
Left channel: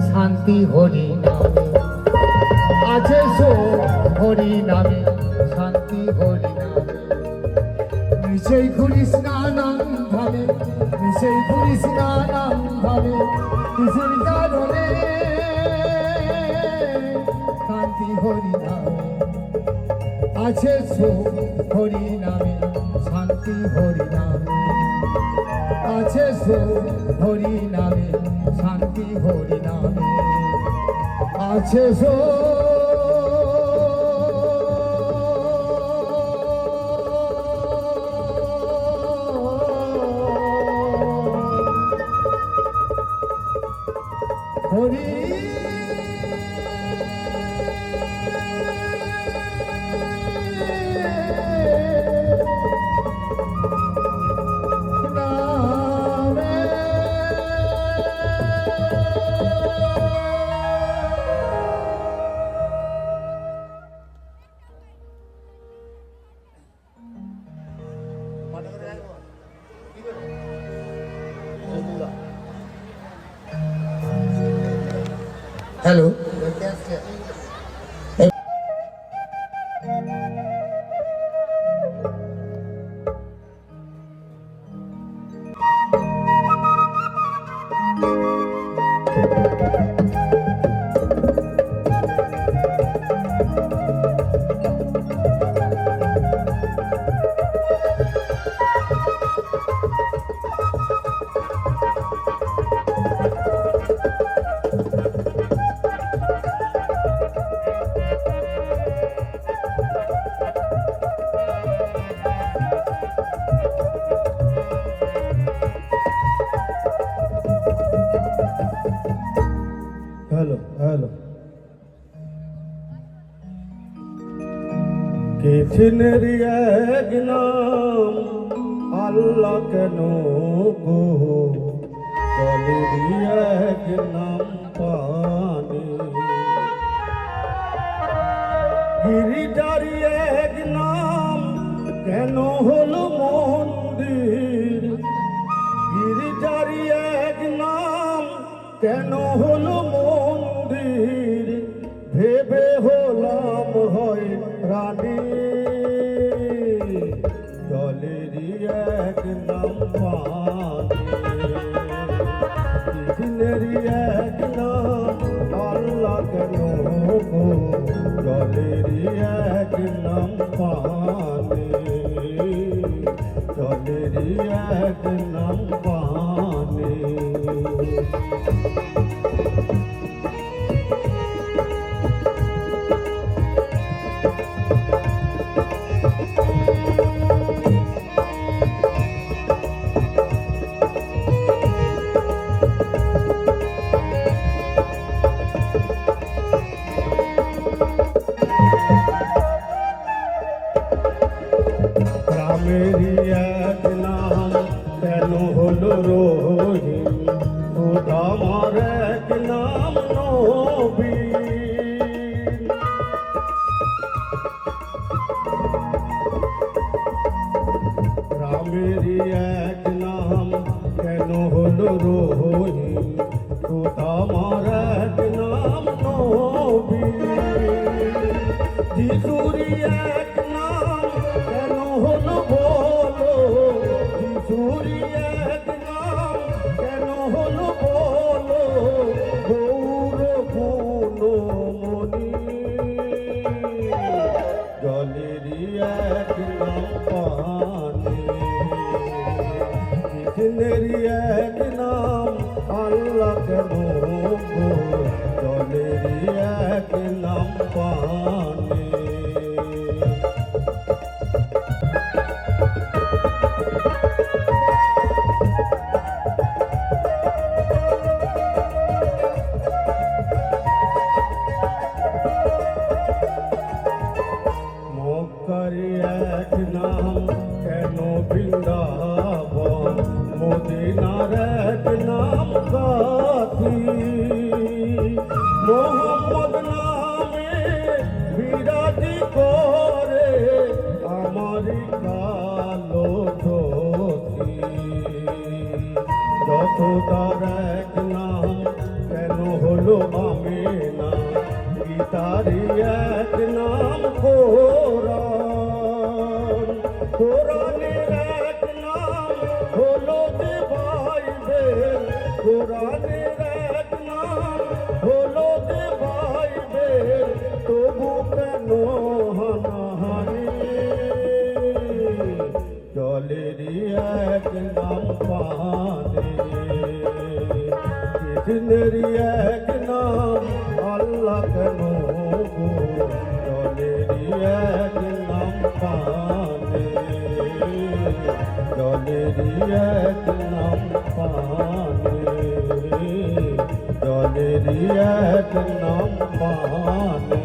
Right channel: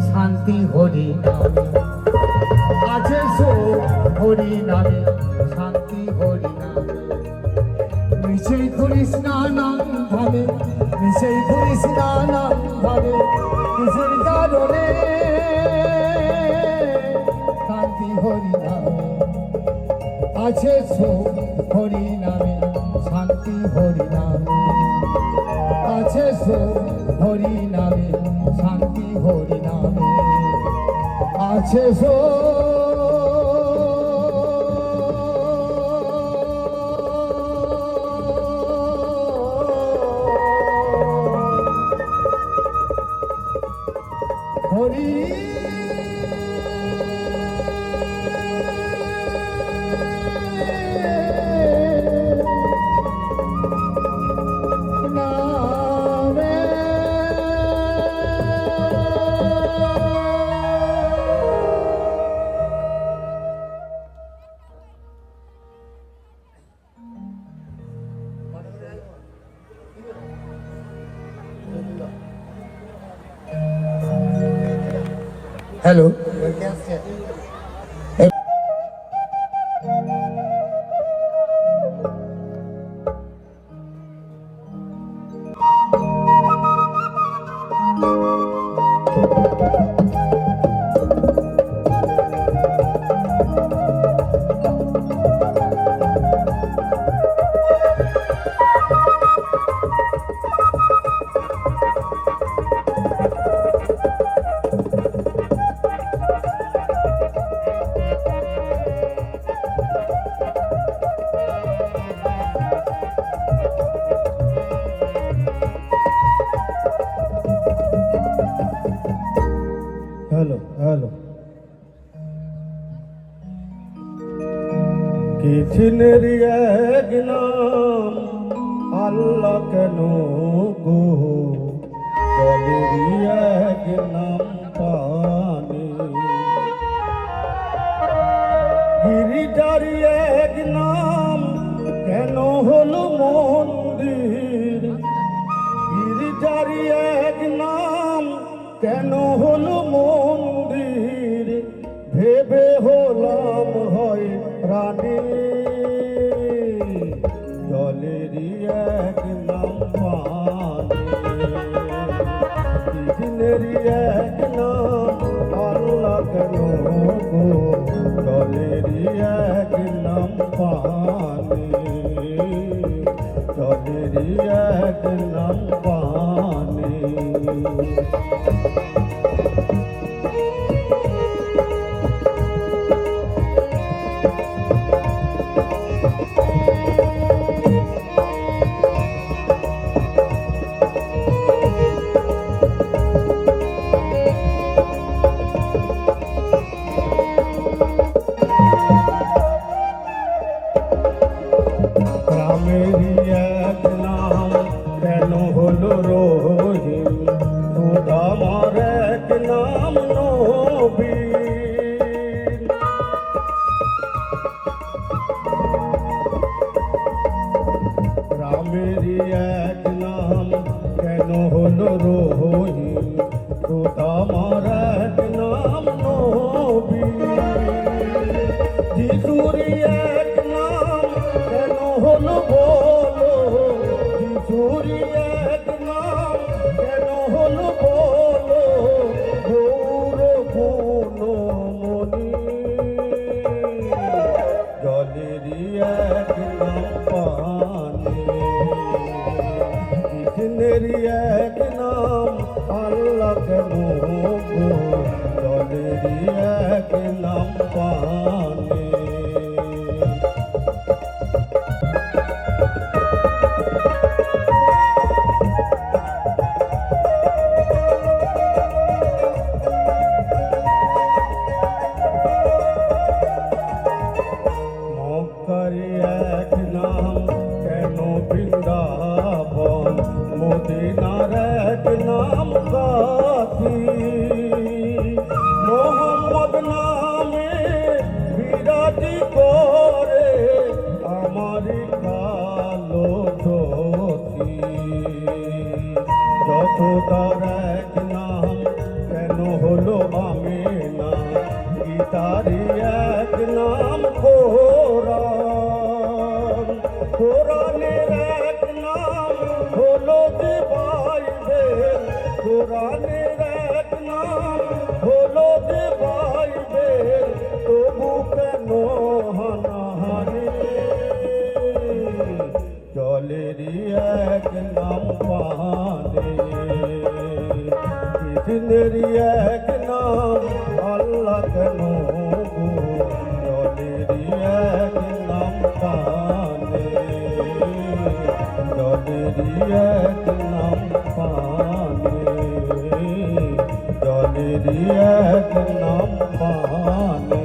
শান্তি হরি নামে আছে সুখ হরি নামে শান্তি হরি নামে নিশ্চয় করিস নানাম ভাবে নিশ্চয় করিস নানাম ভাবে কিসের কারণে শান্তি হরি নামে আছে সুখ হরি নামে শান্তি হরি নামে আছে সুখ হরি নামে শান্তি হরি নামে আছে সুখ হরি নামে হ্যালো হ্যালো হ্যালো কিছিনের এক নাম আল্লাহ কেন গো কলির এক নাম পানি গিরিটারি এক নাম কেন হলো মন্দির গিরিটারি এক নাম কেন হলো মন্দির ভেবে হলাম হয় রানী জলেরই এক নাম পানি দিনেরই নামেরই এক নাম কেন হলো রহিম, খোদ আমার এক নাম নবী। যিশুরই এক নাম কেন হলো বলো, যিশুরই এক নাম কেন হলো বলো, গৌর গুণমণি। জলেরই এক নাম পানি, কৃষ্ণেরই এক নাম আল্লাহ কেন গো, জলেরই এক নাম পানি। মক্কারি এক নাম কেন বৃন্দাবন, মদিনার এক নাম কাশী। মোহাম্মদ নামে বিরাজি করে আমারি কালো চোখি। যশোদার এক নাম কেন হলো আমিনা, গীতারি এক নাম কোরআন। কোরআনের এক নাম হলো যে বাইবেল, কোরআনের এক নাম হলো যে বাইবেল, তবু কেন হানাহানি। জলেরই এক নাম পানি, কৃষ্ণেরই এক নাম আল্লাহ কেন গো, জলেরই এক নাম পানি, জলেরই এক নাম পানি, জলেরই এক নাম পানি।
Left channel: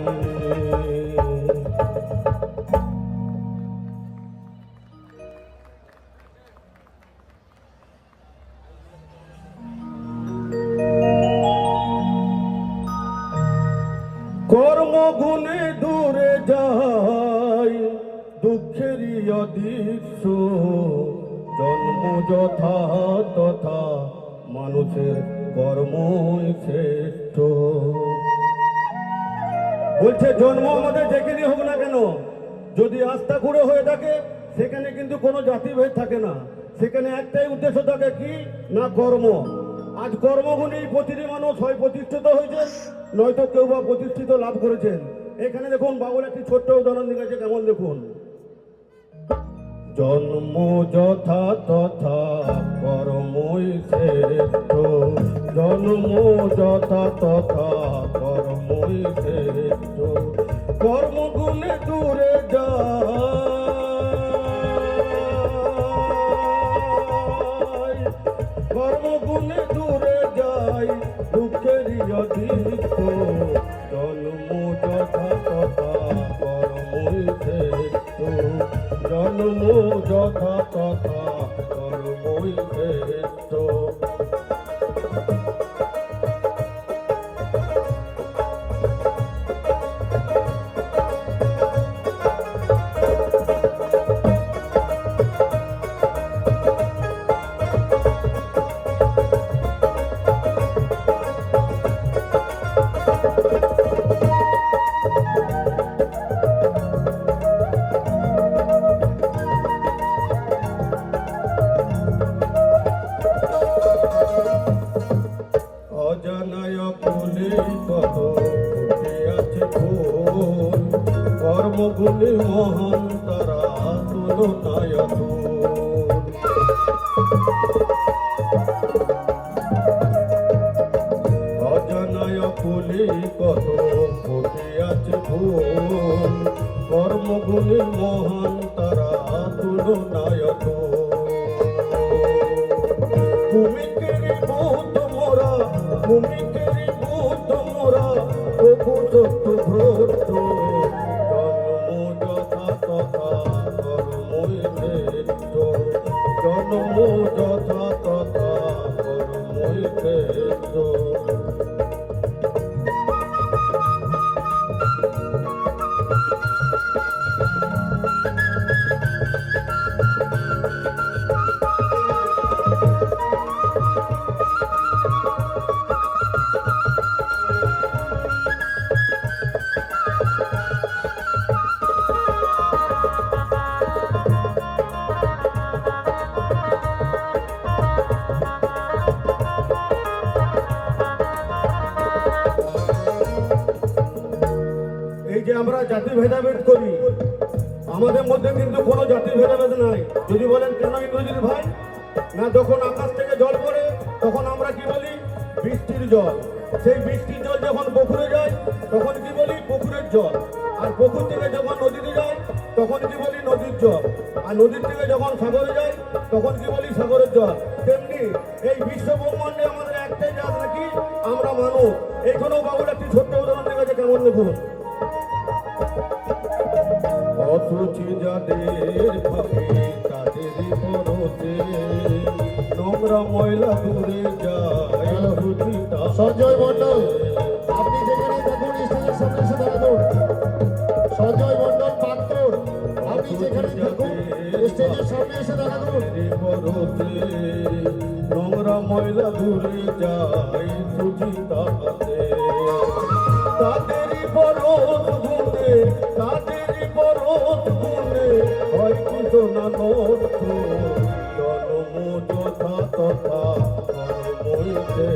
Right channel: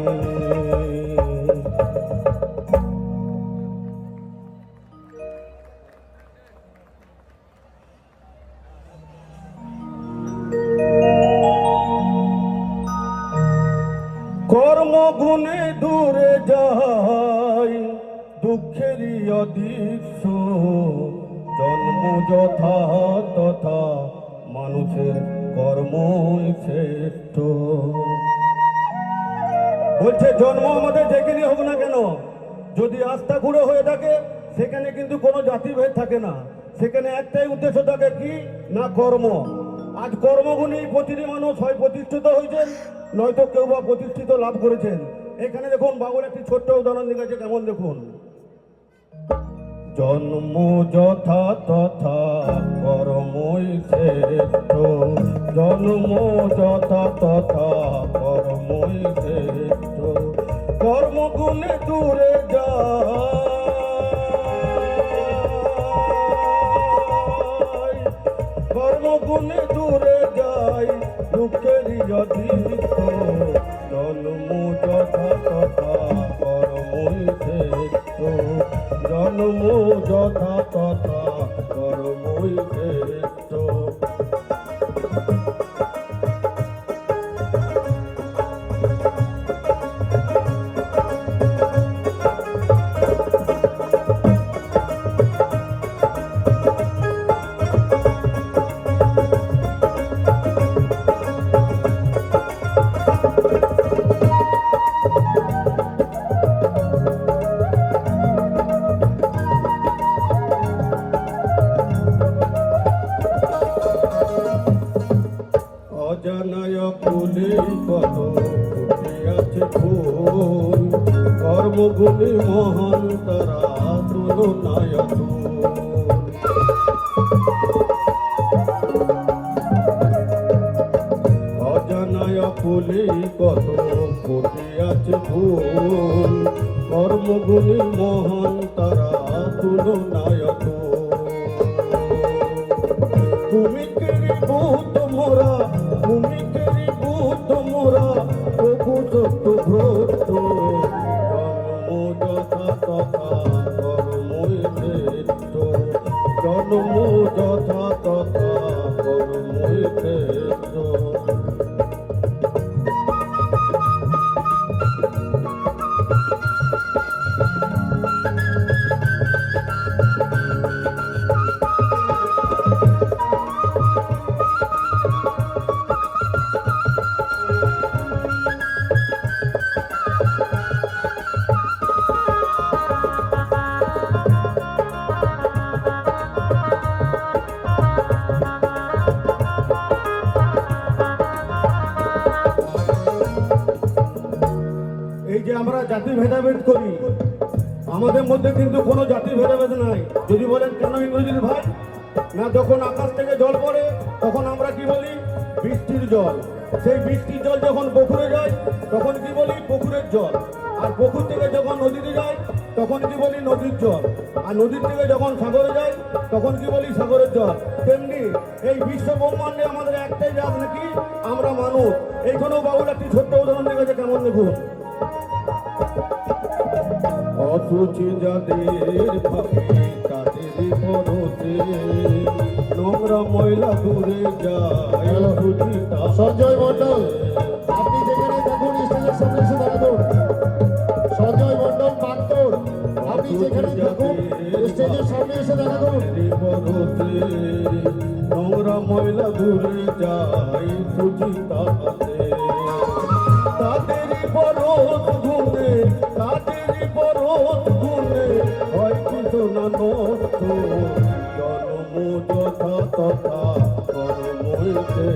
কর্মগুণে দূরে যাই দুঃখেরই অদৃশ্য, জন্ম যথা তথা মানুষের কর্মই শ্রেষ্ঠ। বলছে জন্ম আমাদের যেখানে হোক না কেন, যদি আস্থা পুরো হয়ে থাকে সেখানে কিন্তু কোনো জাতিভেদ থাকে না, সেখানে একটাই উদ্দেশ্য থাকে কি না কর্ম। আজ কর্মগুণেই প্রতিটি মানুষ হয় প্রতিষ্ঠিত হয়েছেন, নয়তো কেউ বা প্রতিষ্ঠিত লাভ করেছেন। এখানে দেখুন বাবুর একটি ছোট্ট উদাহরণ দিয়েছে, কেমন দেখুন। জন্ম যথা তথা কর্মই শ্রেষ্ঠ, জন্ম যথা তথা কর্মই শ্রেষ্ঠ। কর্মগুণে দূরে যাই, কর্মগুণে দূরে যাই দুঃখেরই অদৃশ্য, জন্ম যথা তথা কর্মই শ্রেষ্ঠ, জন্ম যথা তথা কর্মই শ্রেষ্ঠ। অজানায় ফুলে কত ফুটে আছে ফুল, কর্মগুণে মহান তারা তুলনায় তুল। অজানায় ফুলে কত ফুটে আছে ফুল, কর্মগুণে মহান তারা তুলনায় তুল। ভূমিকেরি ভূত মোরা, ভূমিকেরি ভূত মোরা, প্রভু সত্য ভ্রত। জন্ম যথা তথা কর্মই শ্রেষ্ঠ, জন্ম যথা তথা কর্মই শ্রেষ্ঠ। জাতি ভেদাভেদ করি, আমাদের মধ্যে কিন্তু কোনো জাতির ভেদাভেদ নাই। যদি বলেন কেন ইংরেজির ভাই, না যখন আকাশ থেকে জল পড়ে তখন আমরা কি বলি? বৃষ্টির জল। সেই বৃষ্টির জল যখন পুকুরে যায় তখন কি বলি? পুকুরের জল। আর পুকুর থেকে যখন নদীতে যায় তখন কি বলি? নদীর জল। আর নদীর থেকে যখন সাগরে যায় তখন কি বলি? সাগরের জল। তেমনি এই বিশ্ব ব্রহ্মাণ্ডে আমাদের একটাই জাত নাকি? আমরা মানুষ। এইখানেও বাবুর একটি ছোট্ট উদাহরণ দেখেছে, কেমন দেখুন। অসুচি যাদের ভাবে তাদেরই পরতে, নোংরা ময়লা দূরে যায় অসুচি সঞ্জয় মণ্ডল, আপনি যেখানে থাকুন স্টেজের সামনে এসে দাঁড়ান। সঞ্জয় মণ্ডল পাত্র, আপনি যেখানে থাকুন স্টেজের সামনে এসে দাঁড়ান। নোংরা ময়লা দূরে যায় সুচিতা হাতে, তাদেরই পরত ঘুরে, তাদেরই পরত ঘুরে হয় কিছু না নষ্ট, জন্ম যথা তথা কর্মইতে,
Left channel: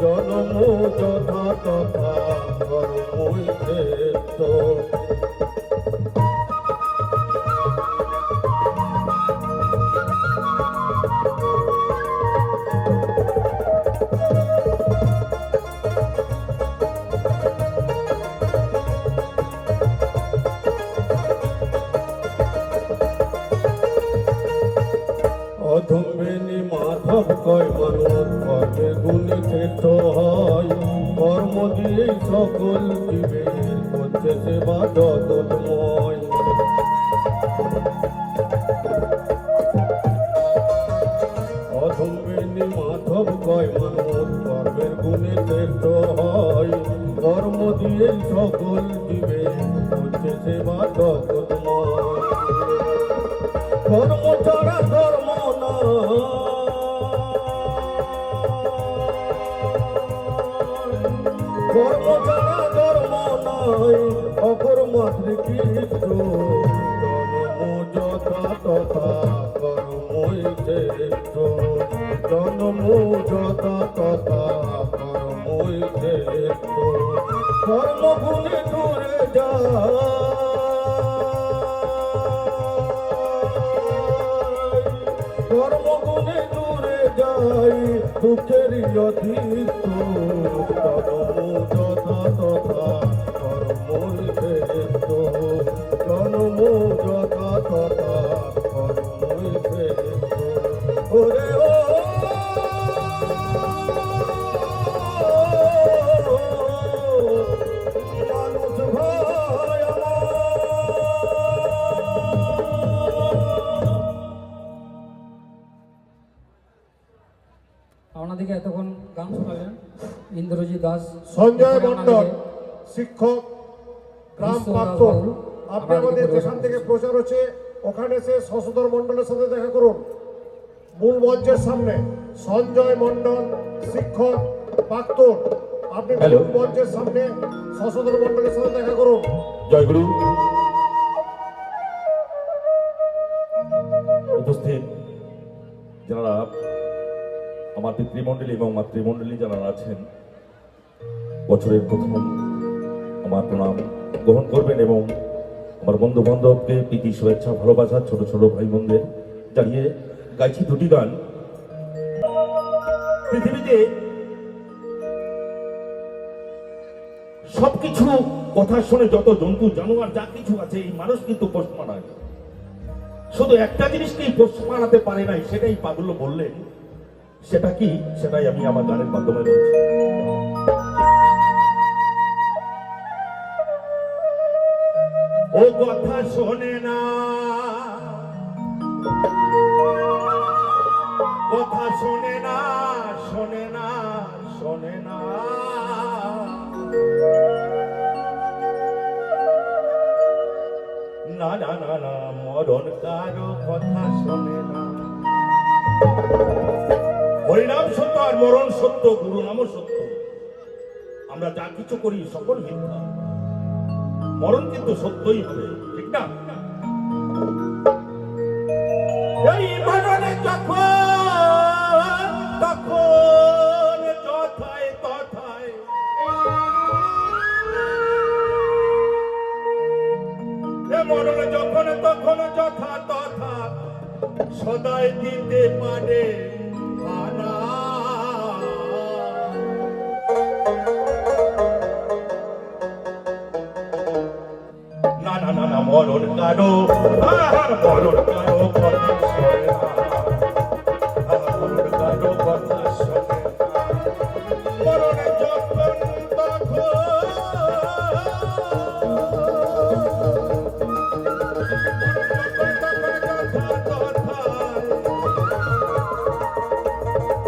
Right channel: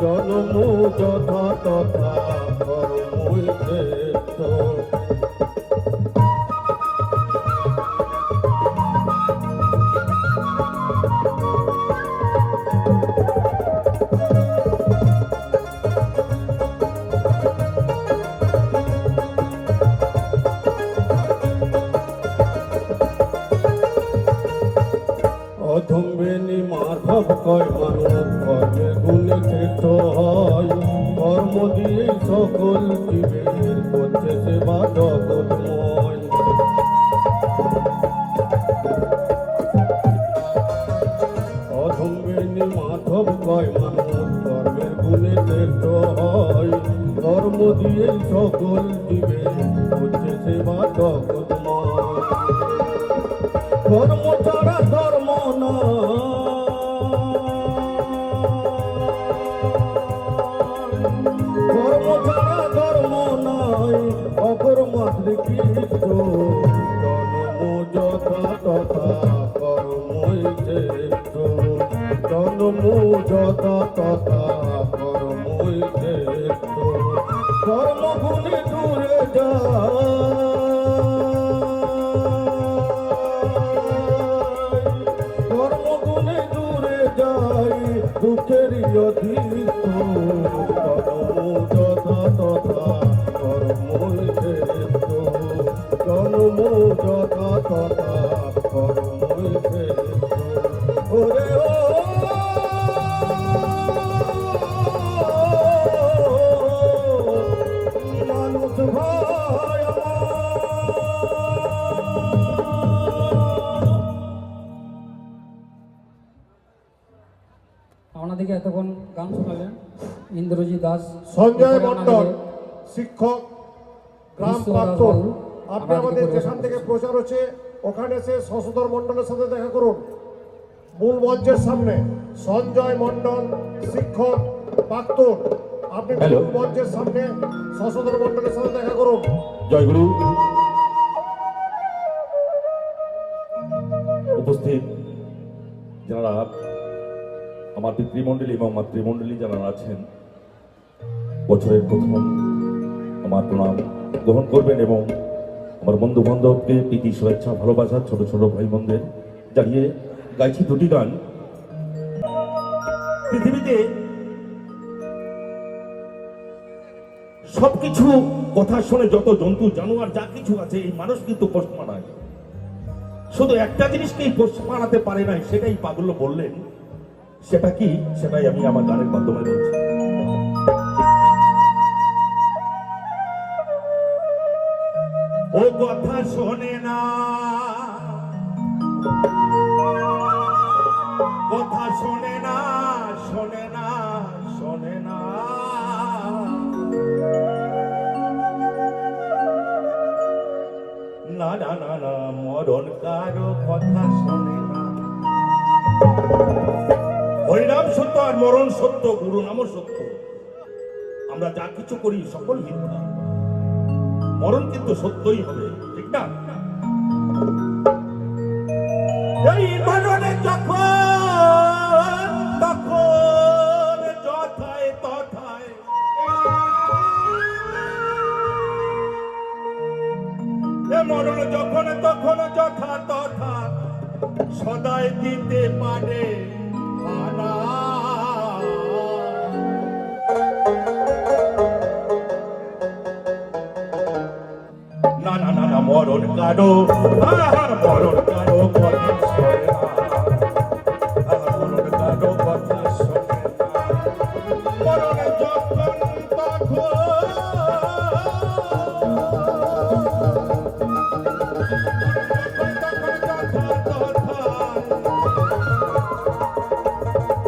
জন্ম যথা তথা কর্মইতে। অধমেনি মাধব কয় মানুষ কর্মে গুণে শ্রেষ্ঠ হয়, কর্ম দিয়ে সকল জীবের করছে সেবা জগৎময়। অধমেনি মাধব কয় মানুষ কর্মের গুণে শ্রেষ্ঠ হয়, কর্ম দিয়ে সকল জীবের করছে সেবা জগৎময়। কর্ম ছাড়া ধর্ম নয়, কর্ম ছাড়া ধর্ম নয়, অকর্মাত্র কৃষ্ণ, জন্ম যথা তথা কর্মই শ্রেষ্ঠ, জন্ম যথা তথা কর্মই শ্রেষ্ঠ। কর্মগুণে দূরে যায়, কর্মগুণে দূরে যাই দুঃখেরই অধীষ্ট, কর্ম যথা তথা কর্মই শ্রেষ্ঠ, জন্ম যথা তথা কর্মই শ্রেষ্ঠ। ওরে ও মানুষ ভাই আমার, আপনাদেরকে এতক্ষণ গান শোনালেন ইন্দ্রজিৎ দাস, সঞ্জয় মণ্ডল, শিক্ষক, গ্রাম পাত্র। আপনি আমাদের যেখান থেকে প্রচার হচ্ছে ওখানে সে শশধর মণ্ডলের সাথে দেখা করুন, মূল মঞ্চের সামনে। সঞ্জয় মণ্ডল, শিক্ষক, প্রাক্তন, আপনি মূল মঞ্চের সামনে শশধর মণ্ডলের সাথে দেখা করুন। জয়গুরু। উপস্থিত যারা আমার পিতৃমণ্ডলী এবং মাতৃমণ্ডলী যারা আছেন, বছরের প্রথম আমার প্রণাম গ্রহণ করবেন এবং আমার বন্ধু বান্ধবকে প্রীতি শুভেচ্ছা ভালোবাসা ছোট ছোট ভাই বোনদের জানিয়ে গাইছি দুটি গান। পৃথিবীতে সবকিছু কথা শুনে যত জন্তু জানোয়ার যা কিছু আছে, এই মানুষ কিন্তু পোষ মানায়। শুধু একটা জিনিসকেই পোষ মানাতে পারে নাই, সেটাই পাগল বললেন। সেটা কি? সেটাই আমি আমার গানের মাধ্যমে বলছি। ও কথা শোনে না, কথা শোনে না, শোনে না, শোনে না, না না না না, মরণ কারো কথা শোনে না। হরিনাম সত্য আর মরণ সত্য, গুরু নাম সত্য। আমরা যা কিছু করি সকল মিথ্যা, মরণ কিন্তু সত্যই হবে, ঠিক না? এই মরণে যখন তখন যথায় তথায় সদাই দিতে পারে হানা। না না না না মরণ কারো মরণ কারো মরণে যখন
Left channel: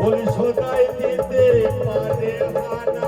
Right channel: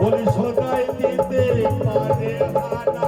বলি সদাই দিতে পারে হানা।